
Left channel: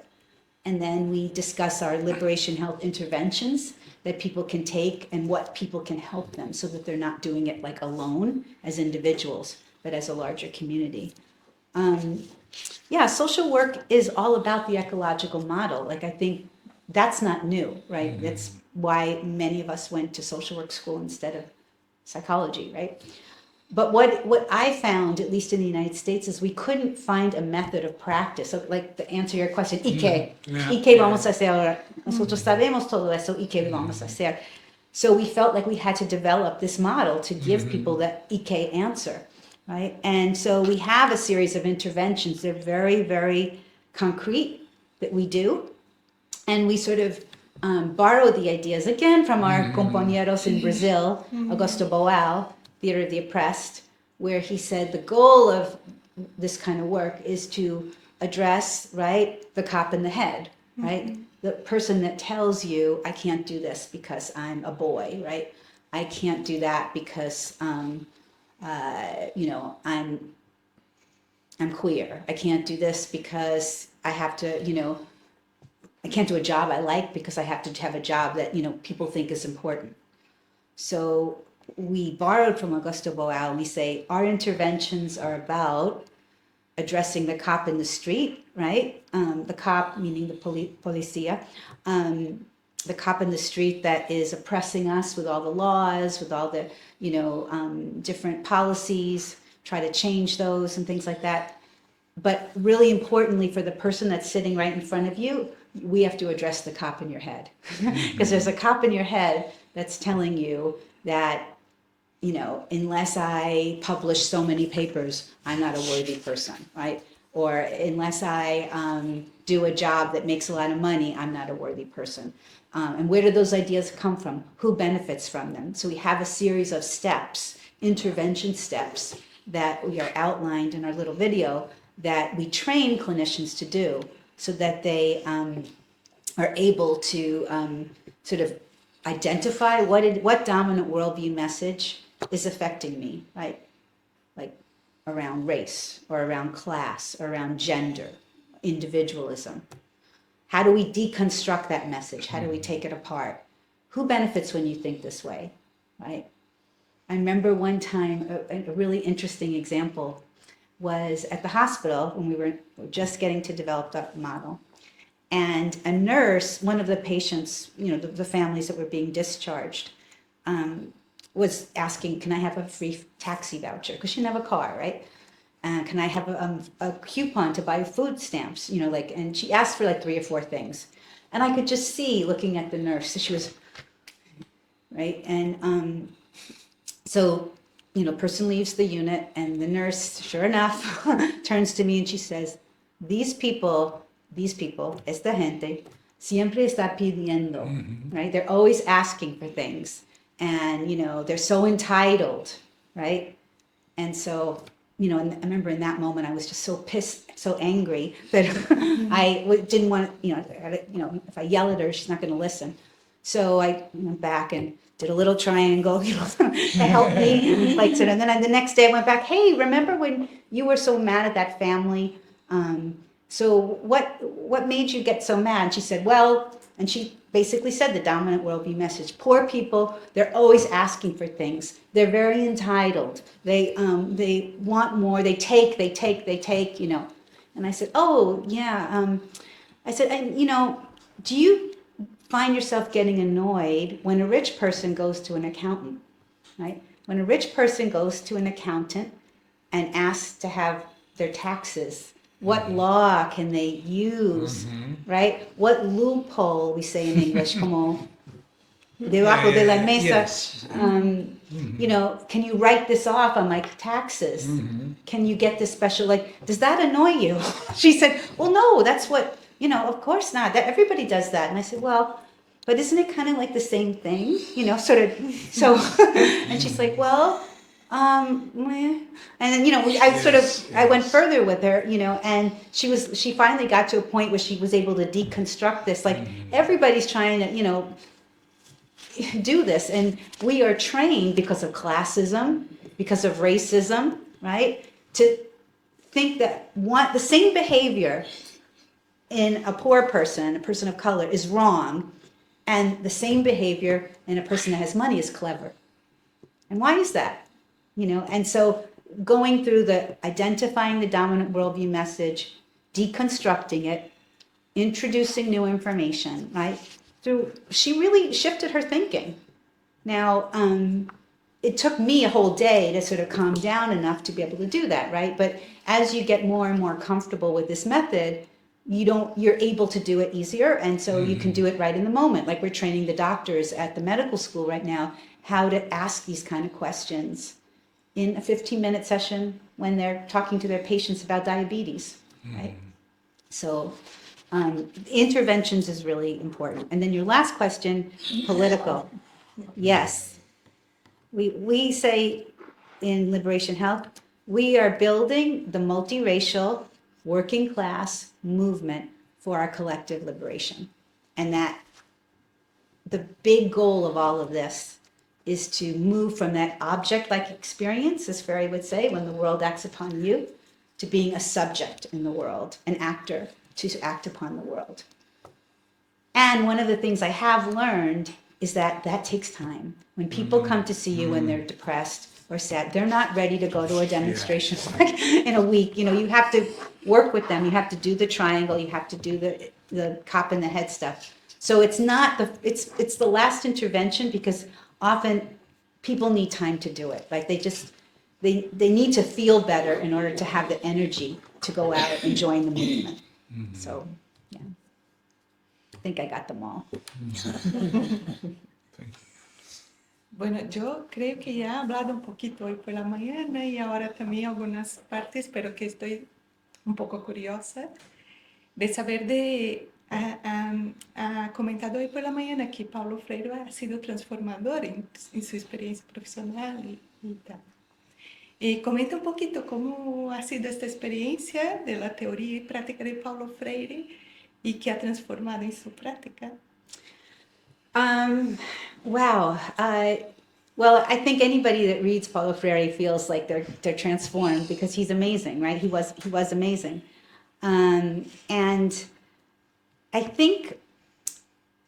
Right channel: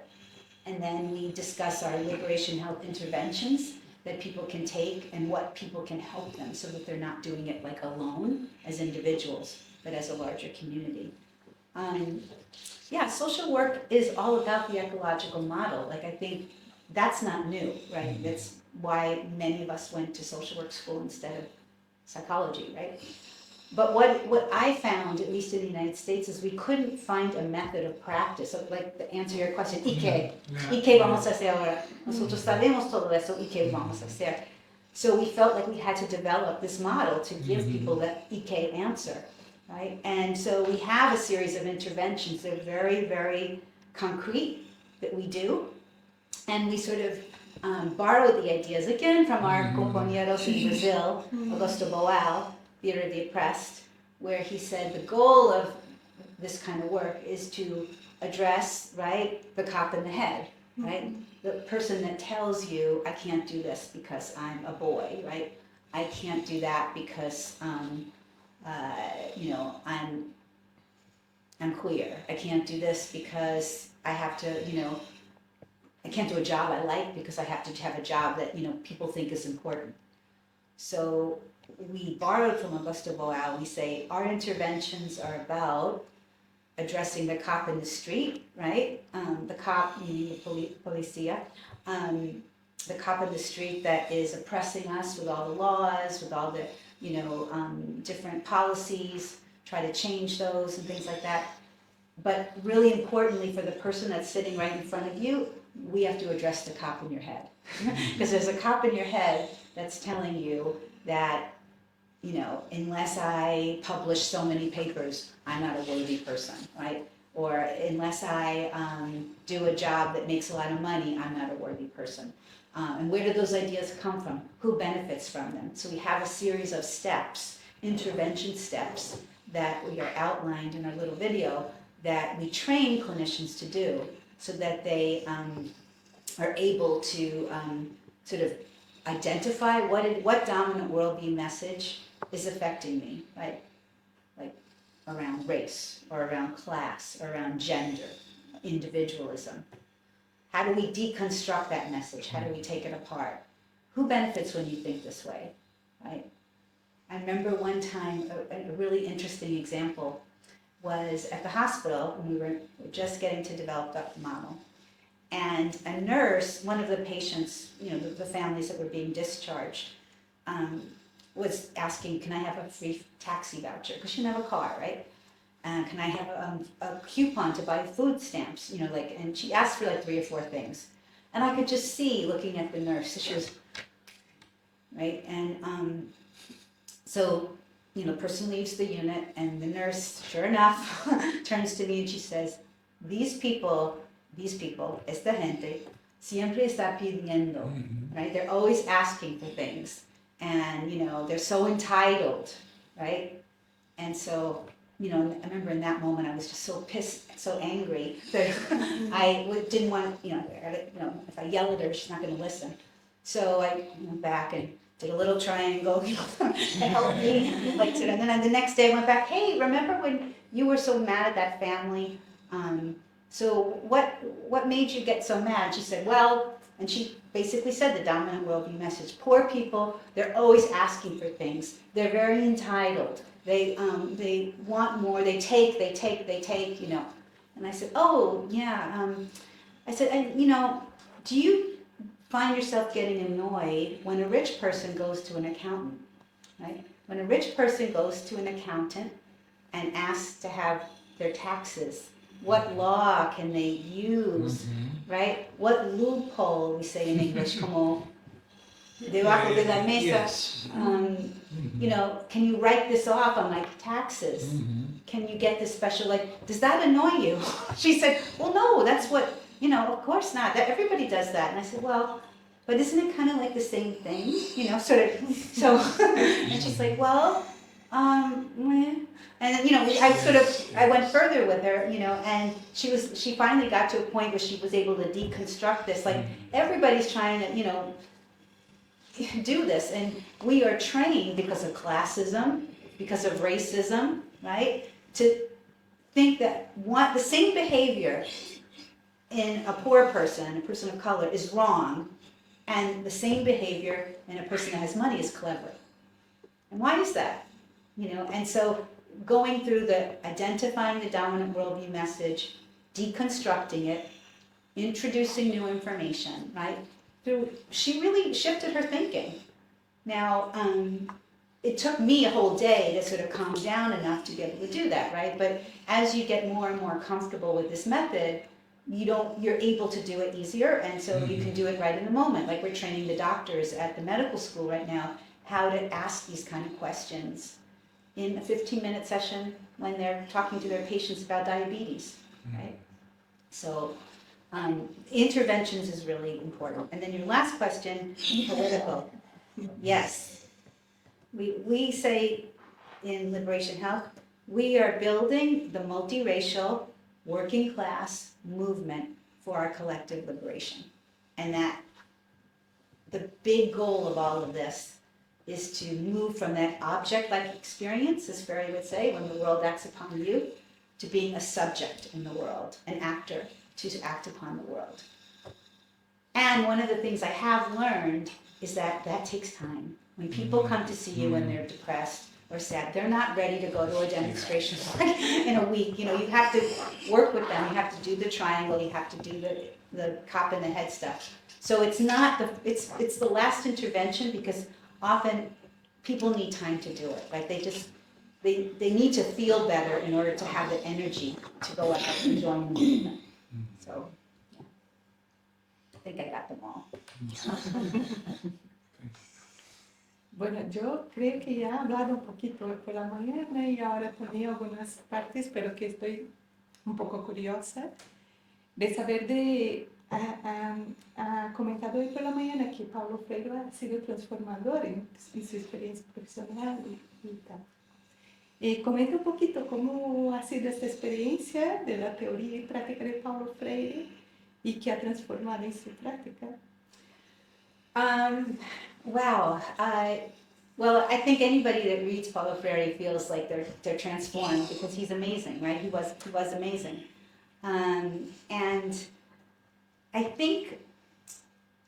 and then we discuss our liberation health interventions that people can take and what people can help them, so that they're not doing it like alone as individuals, but as a larger community. Yeah, social work is all about the ecological model. Like I think that's not new, right? That's why many of us went to social work school instead of psychology, right? But what I found, at least in the United States, is we couldn't find a method of practice. So like to answer your question, ¿y qué? ¿Y qué vamos a hacer ahora? Nosotros sabemos todo eso, ¿y qué vamos a hacer? So we felt like we had to develop this model to give people that ¿y qué answer, right? And so we have a series of interventions. They're very, very concrete that we do. And we sort of borrow the ideas, again, from our compañeros in Brazil, Augusto Boal, Theater of the Oppressed, where he said the goal of this kind of work is to address, right, the cop in the head, right? The person that tells you, I can't do this because I'm a boy, right? I can't do that because, you know, I'm queer. I can't do this because I have to, you know, I can't do a job I like because I have to have a job that, you know, people think is important. So we borrowed from Augusto Boal. We say our interventions are about addressing the cop in the street, right? The cop, meaning the policia, the cop in the street that is oppressing us with all the laws, with all the, you know, different policies, try to change those and things like that. But really importantly, for the person that's sitting right in front of you, we have to address the cop in your head. Because there's a cop in your head that's telling you that, you know, unless I publish so many papers, I'm not a worthy person, right? Or unless I do a job that makes a lot of money, I'm not a worthy person. And where do those ideas come from? Who benefits from them? So we have a series of steps, intervention steps, that we are outlined in our little video that we train clinicians to do, so that they are able to sort of identify what dominant worldview message is affecting me, right? Like around race or around class or around gender, individualism. How do we deconstruct that message? How do we take it apart? Who benefits when you think this way, right? I remember one time, a really interesting example was at the hospital when we were just getting to develop that model. And a nurse, one of the patients, the families that were being discharged, was asking, can I have a free taxi voucher? Because she didn't have a car, right? Can I have a coupon to buy food stamps? And she asked for like 3 or 4 things. And I could just see looking at the nurse, so she was, right? And so, person leaves the unit and the nurse, sure enough, turns to me and she says, these people, esta gente, siempre está pidiendo, right? They're always asking for things. And, they're so entitled, right? And so, and I remember in that moment I was just so pissed, so angry that I didn't want, if I yell at her, she's not going to listen. So I went back and did a little triangle, to help me. And then the next day I went back, hey, remember when you were so mad at that family? So what made you get so mad? And she said, well, and she basically said the dominant worldview message. Poor people, they're always asking for things. They're very entitled. They want more. They take. And I said, oh, yeah. I said, and do you find yourself getting annoyed when a rich person goes to an accountant, right? When a rich person goes to an accountant and asks to have their taxes, what law can they use, right? What loophole, we say in English, como debajo de la mesa, Yes. Can you write this off on my taxes? Can you get this special, does that annoy you? She said, well, no, that's what, of course not. Everybody does that. And I said, well, but isn't it kind of like the same thing? Sort of, so, and she's like, well, meh. And then, I went further with her, and she finally got to a point where she was able to deconstruct this. Everybody's trying to, do this. And we are trained because of classism, because of racism, right? To think that the same behavior in a poor person, a person of color, is wrong, and the same behavior in a person that has money is clever. And why is that? And so going through identifying the dominant worldview message, deconstructing it, introducing new information, right? She really shifted her thinking. Now, it took me a whole day to sort of calm down enough to be able to do that, right? But as you get more and more comfortable with this method, you're able to do it easier, and so you can do it right in the moment. Like we're training the doctors at the medical school right now how to ask these kind of questions in a 15-minute session when they're talking to their patients about diabetes, right? So interventions is really important. And then your last question, political. Yes. We say in Liberation Health, we are building the multiracial working class movement for our collective liberation. And that the big goal of all of this is to move from that object-like experience, as Ferry would say, when the world acts upon you, to being a subject in the world, an actor to act upon the world. And one of the things I have learned is that takes time. When people come to see you when they're depressed or sad, they're not ready to go to a demonstration in a week. You have to work with them. You have to do the triangle. You have to do the cop in the head stuff. So it's not it's the last intervention, because often people need time to do it. Like they need to feel better in order to have the energy to go out and join the movement. So, yeah, I think I got them all. Bueno, yo creo que ya he hablado un poquito hoy por la mañana y ahora también algunas partes, pero que estoy un poco curiosa de saber ha comentado hoy por la mañana que Paulo Freire ha sido transformador en su experiencia profesional y tal. Comenta un poquito cómo ha sido esta experiencia de la teoría y práctica de Paulo Freire y que ha transformado en su práctica. Wow. Well, I think anybody that reads Paulo Freire feels like they're transformed because he's amazing, right? He was amazing. And I think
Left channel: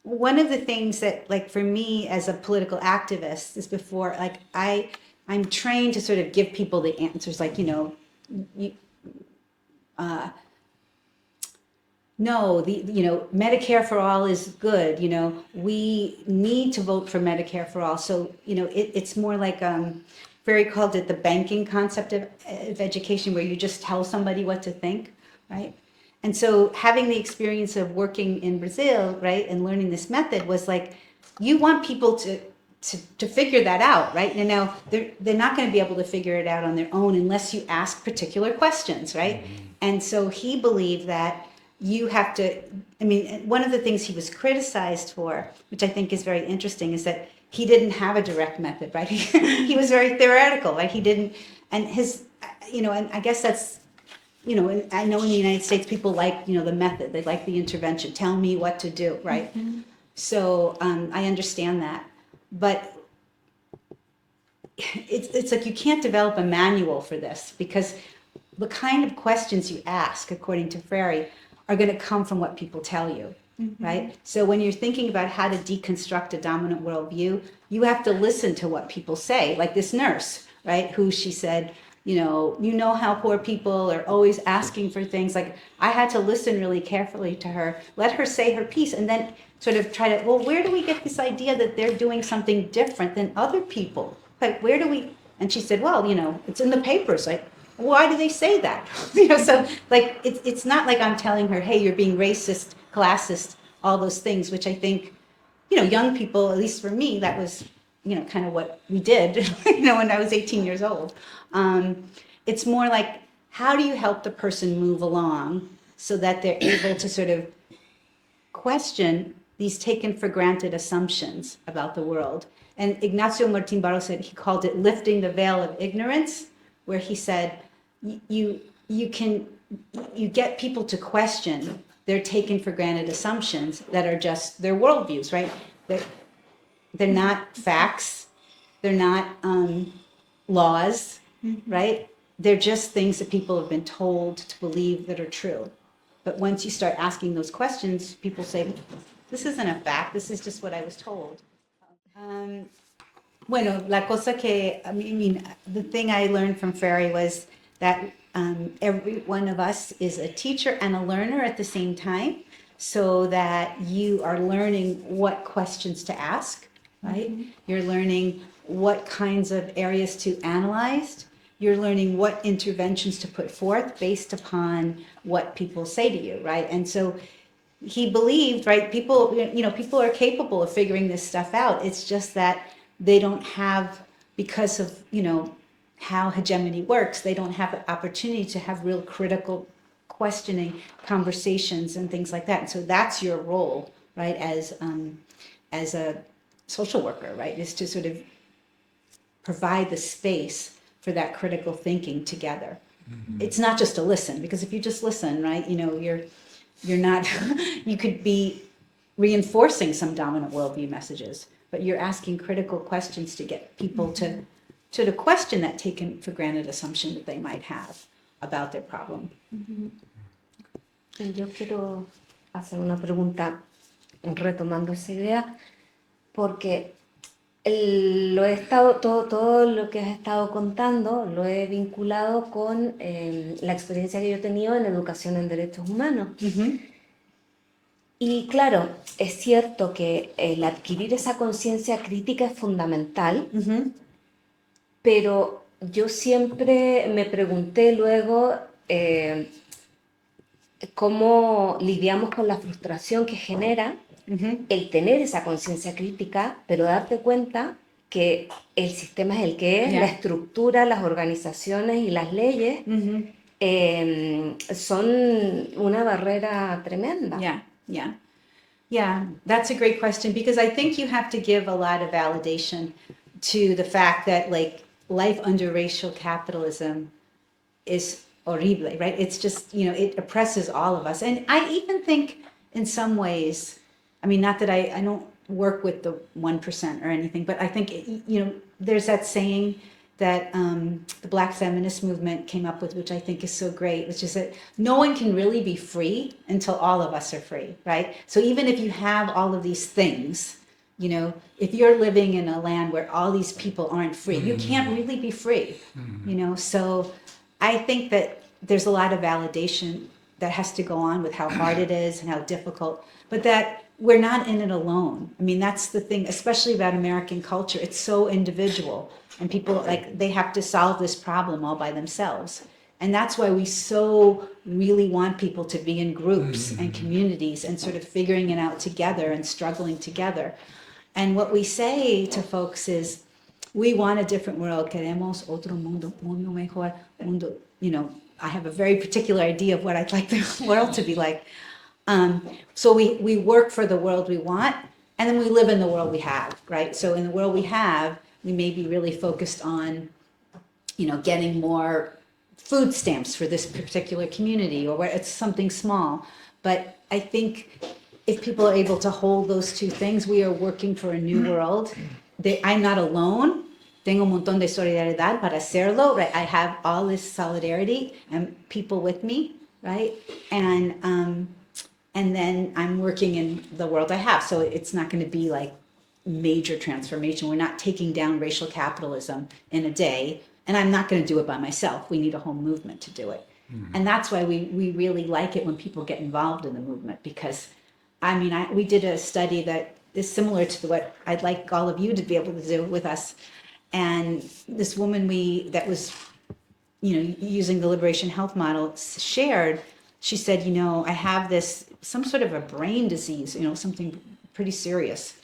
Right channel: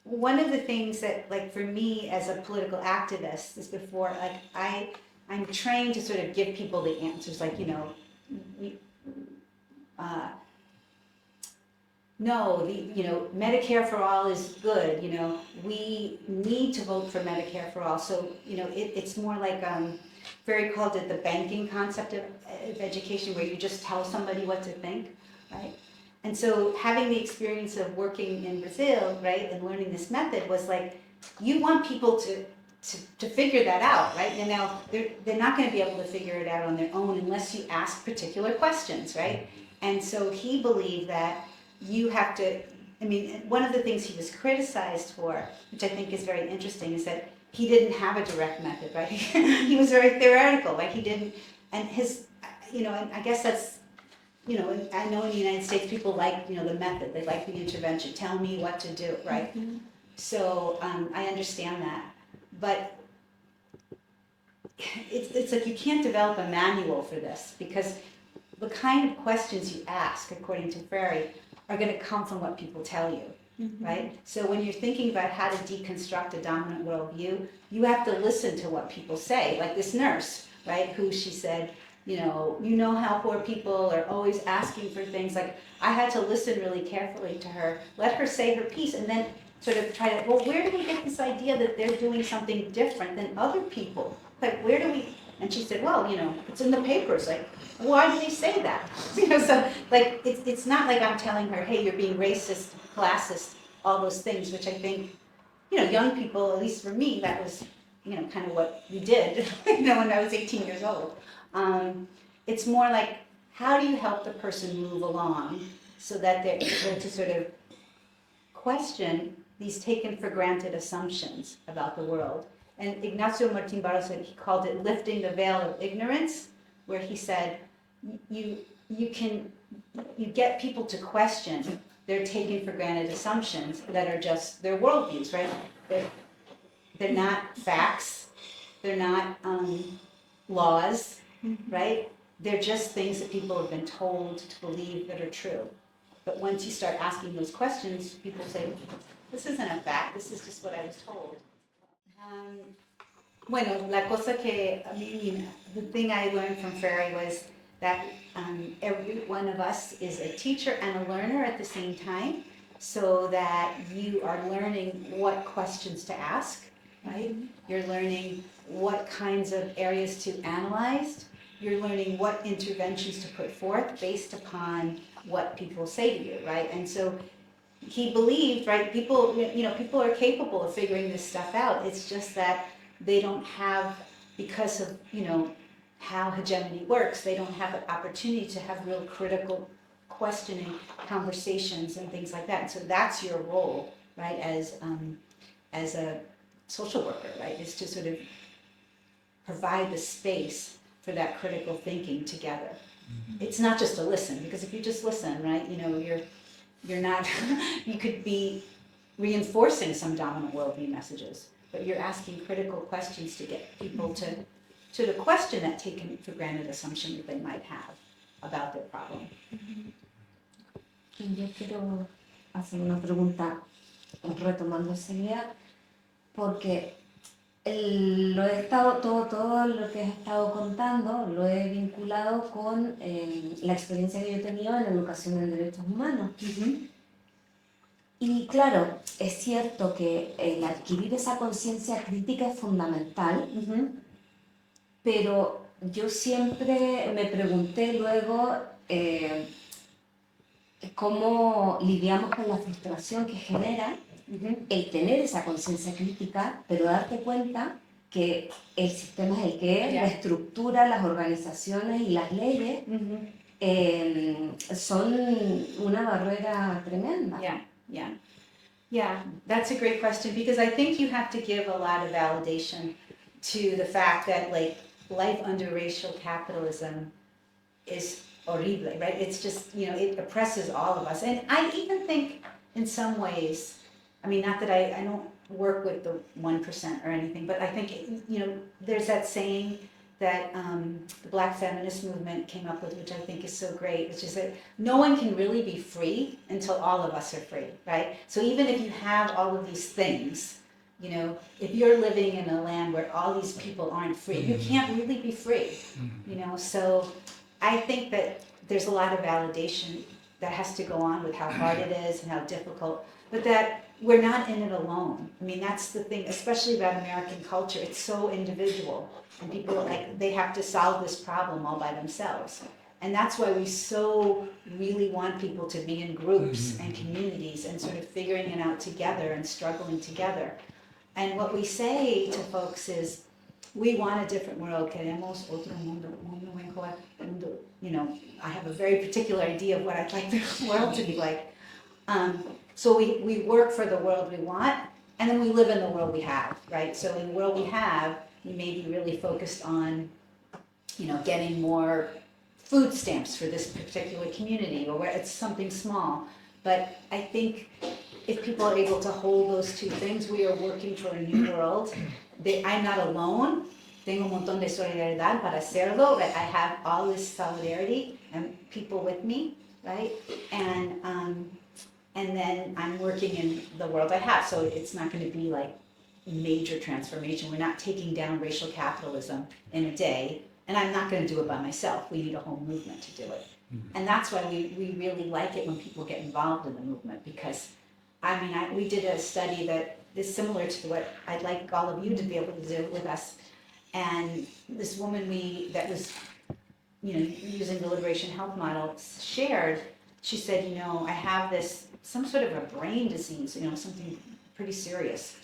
one of the things that, like, for me as a political activist is before, like, I'm trained to sort of give people the answers, like, you, no, Medicare for all is good, we need to vote for Medicare for all. So, it's more like, Ferry called it the banking concept of education, where you just tell somebody what to think, right? And so having the experience of working in Brazil, right, and learning this method was like, you want people to figure that out, right? And now they're not going to be able to figure it out on their own unless you ask particular questions, right? And so he believed that you have to, one of the things he was criticized for, which I think is very interesting, is that he didn't have a direct method, right? He was very theoretical, like he didn't, and his, and I guess that's, I know in the United States people like, the method, they like the intervention, tell me what to do, right? Mm-hmm. So I understand that, but it's like you can't develop a manual for this, because the kind of questions you ask, according to Freire, are going to come from what people tell you, right? So when you're thinking about how to deconstruct a dominant worldview, you have to listen to what people say, like this nurse, right, who she said, you know how poor people are always asking for things. Like, I had to listen really carefully to her, let her say her piece, and then sort of try to, well, where do we get this idea that they're doing something different than other people? Like, where do we, and she said, well, it's in the papers, like, why do they say that? So like, it's not like I'm telling her, hey, you're being racist, classist, all those things, which I think, young people, at least for me, that was, kind of what we did, when I was 18 years old. It's more like, how do you help the person move along so that they're able to sort of question these taken for granted assumptions about the world? And Ignacio Martín Barros said, he called it lifting the veil of ignorance, where he said, you get people to question their taken for granted assumptions that are just their worldviews, right? They're not facts, they're not laws, right? They're just things that people have been told to believe that are true. But once you start asking those questions, people say, this isn't a fact, this is just what I was told. Bueno, la cosa que, the thing I learned from Freire was that every one of us is a teacher and a learner at the same time, so that you are learning what questions to ask, right? You're learning what kinds of areas to analyze. You're learning what interventions to put forth based upon what people say to you, right? And so he believed, right, people are capable of figuring this stuff out. It's just that they don't have, because of, how hegemony works, they don't have the opportunity to have real critical questioning conversations and things like that. And so that's your role, right, as a social worker, right, is to sort of provide the space for that critical thinking together. It's not just to listen, because if you just listen, right, you're not, you could be reinforcing some dominant worldview messages, but you're asking critical questions to get people to question that taken for granted assumption that they might have about their problem. Yo quiero hacer una pregunta retomando esa idea, porque todo lo que has estado contando lo he vinculado con la experiencia que yo he tenido en educación en derechos humanos. Y claro, es cierto que el adquirir esa conciencia crítica es fundamental, pero yo siempre me pregunté luego cómo lidiamos con la frustración que genera el tener esa conciencia crítica, pero darte cuenta que el sistema es el que es, la estructura, las organizaciones y las leyes son una barrera tremenda. Yeah, that's a great question, because I think you have to give a lot of validation to the fact that, like, life under racial capitalism is horrible, right? It's just, it oppresses all of us. And I even think in some ways, I mean, not that I don't work with the 1% or anything, but I think, you know, there's that saying that the Black feminist movement came up with, which I think is so great, which is that no one can really be free until all of us are free, right? So even if you have all of these things, you know, if you're living in a land where all these people aren't free, you can't really be free, you know? So I think that there's a lot of validation that has to go on with how hard it is and how difficult, but that we're not in it alone. I mean, that's the thing, especially about American culture. It's so individual, and people, like, they have to solve this problem all by themselves. And that's why we so really want people to be in groups and communities and sort of figuring it out together and struggling together. And what we say to folks is, we want a different world. Queremos otro mundo, mundo mejor, mundo, you know, I have a very particular idea of what I'd like the world to be like. So we work for the world we want, and then we live in the world we have, right? So in the world we have, we may be really focused on, you know, getting more food stamps for this particular community, or where it's something small. But I think if people are able to hold those two things, we are working for a new world. I'm not alone. Tengo un montón de solidaridad para hacerlo, right? I have all this solidarity and people with me, right? And then I'm working in the world I have. So it's not going to be like major transformation. We're not taking down racial capitalism in a day, and I'm not going to do it by myself. We need a whole movement to do it. And that's why we really like it when people get involved in the movement, because I mean, we did a study that is similar to what I'd like all of you to be able to do with us. And this woman that was, you know, using the Liberation Health model shared, she said, you know, I have some sort of a brain disease, you know, something pretty serious.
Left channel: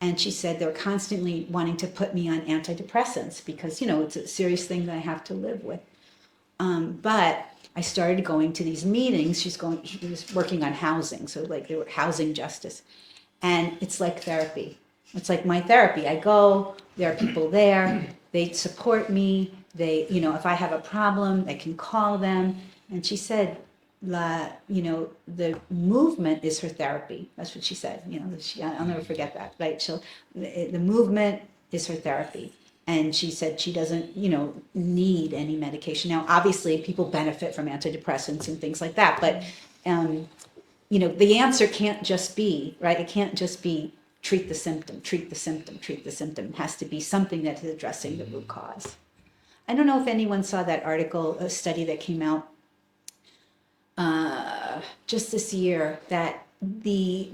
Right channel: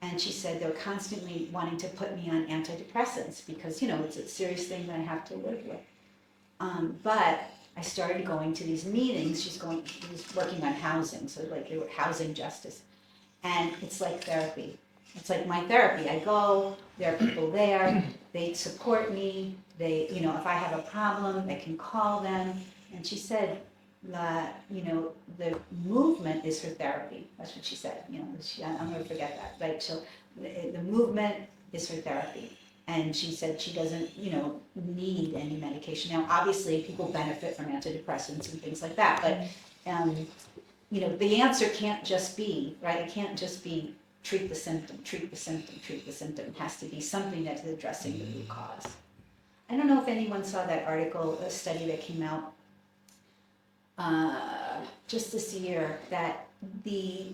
And she said they're constantly wanting to put me on antidepressants because, you know, it's a serious thing that I have to live with. But I started going to these meetings. She was working on housing, so like they were housing justice. And it's like therapy. It's like my therapy. I go, there are people there, they support me, they, you know, if I have a problem, I can call them. And she said, you know, the movement is her therapy. That's what she said. You know, I'll never forget that. Right? The movement is her therapy. And she said she doesn't, you know, need any medication. Now, obviously, people benefit from antidepressants and things like that. But, you know, the answer can't just be, right? It can't just be treat the symptom, treat the symptom, treat the symptom. It has to be something that is addressing the root cause. I don't know if anyone saw that article, a study that came out just this year, that the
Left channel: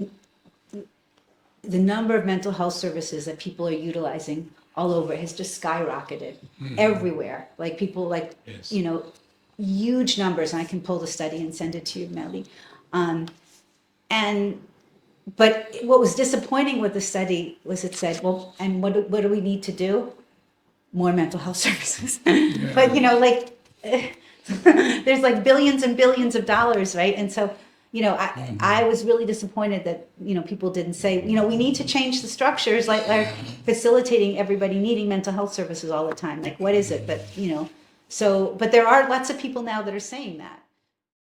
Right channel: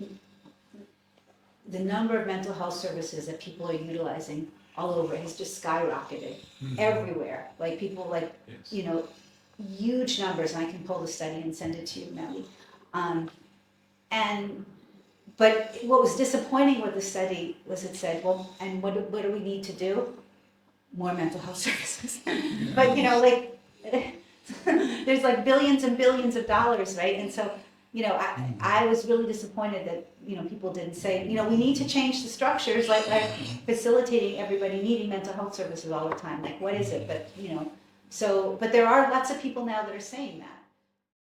number of mental health services that people are utilizing all over has just skyrocketed everywhere. Like people, like, yes, you know, huge numbers. And I can pull the study and send it to you, Melly. But what was disappointing with the study was it said, well, and what do we need to do? More mental health services. Yeah. But, you know, like, there's like billions and billions of dollars, right? And so, you know, I was really disappointed that, you know, people didn't say, you know, we need to change the structures, like facilitating everybody needing mental health services all the time. Like, what is it? But, you know, so, but there are lots of people now that are saying that.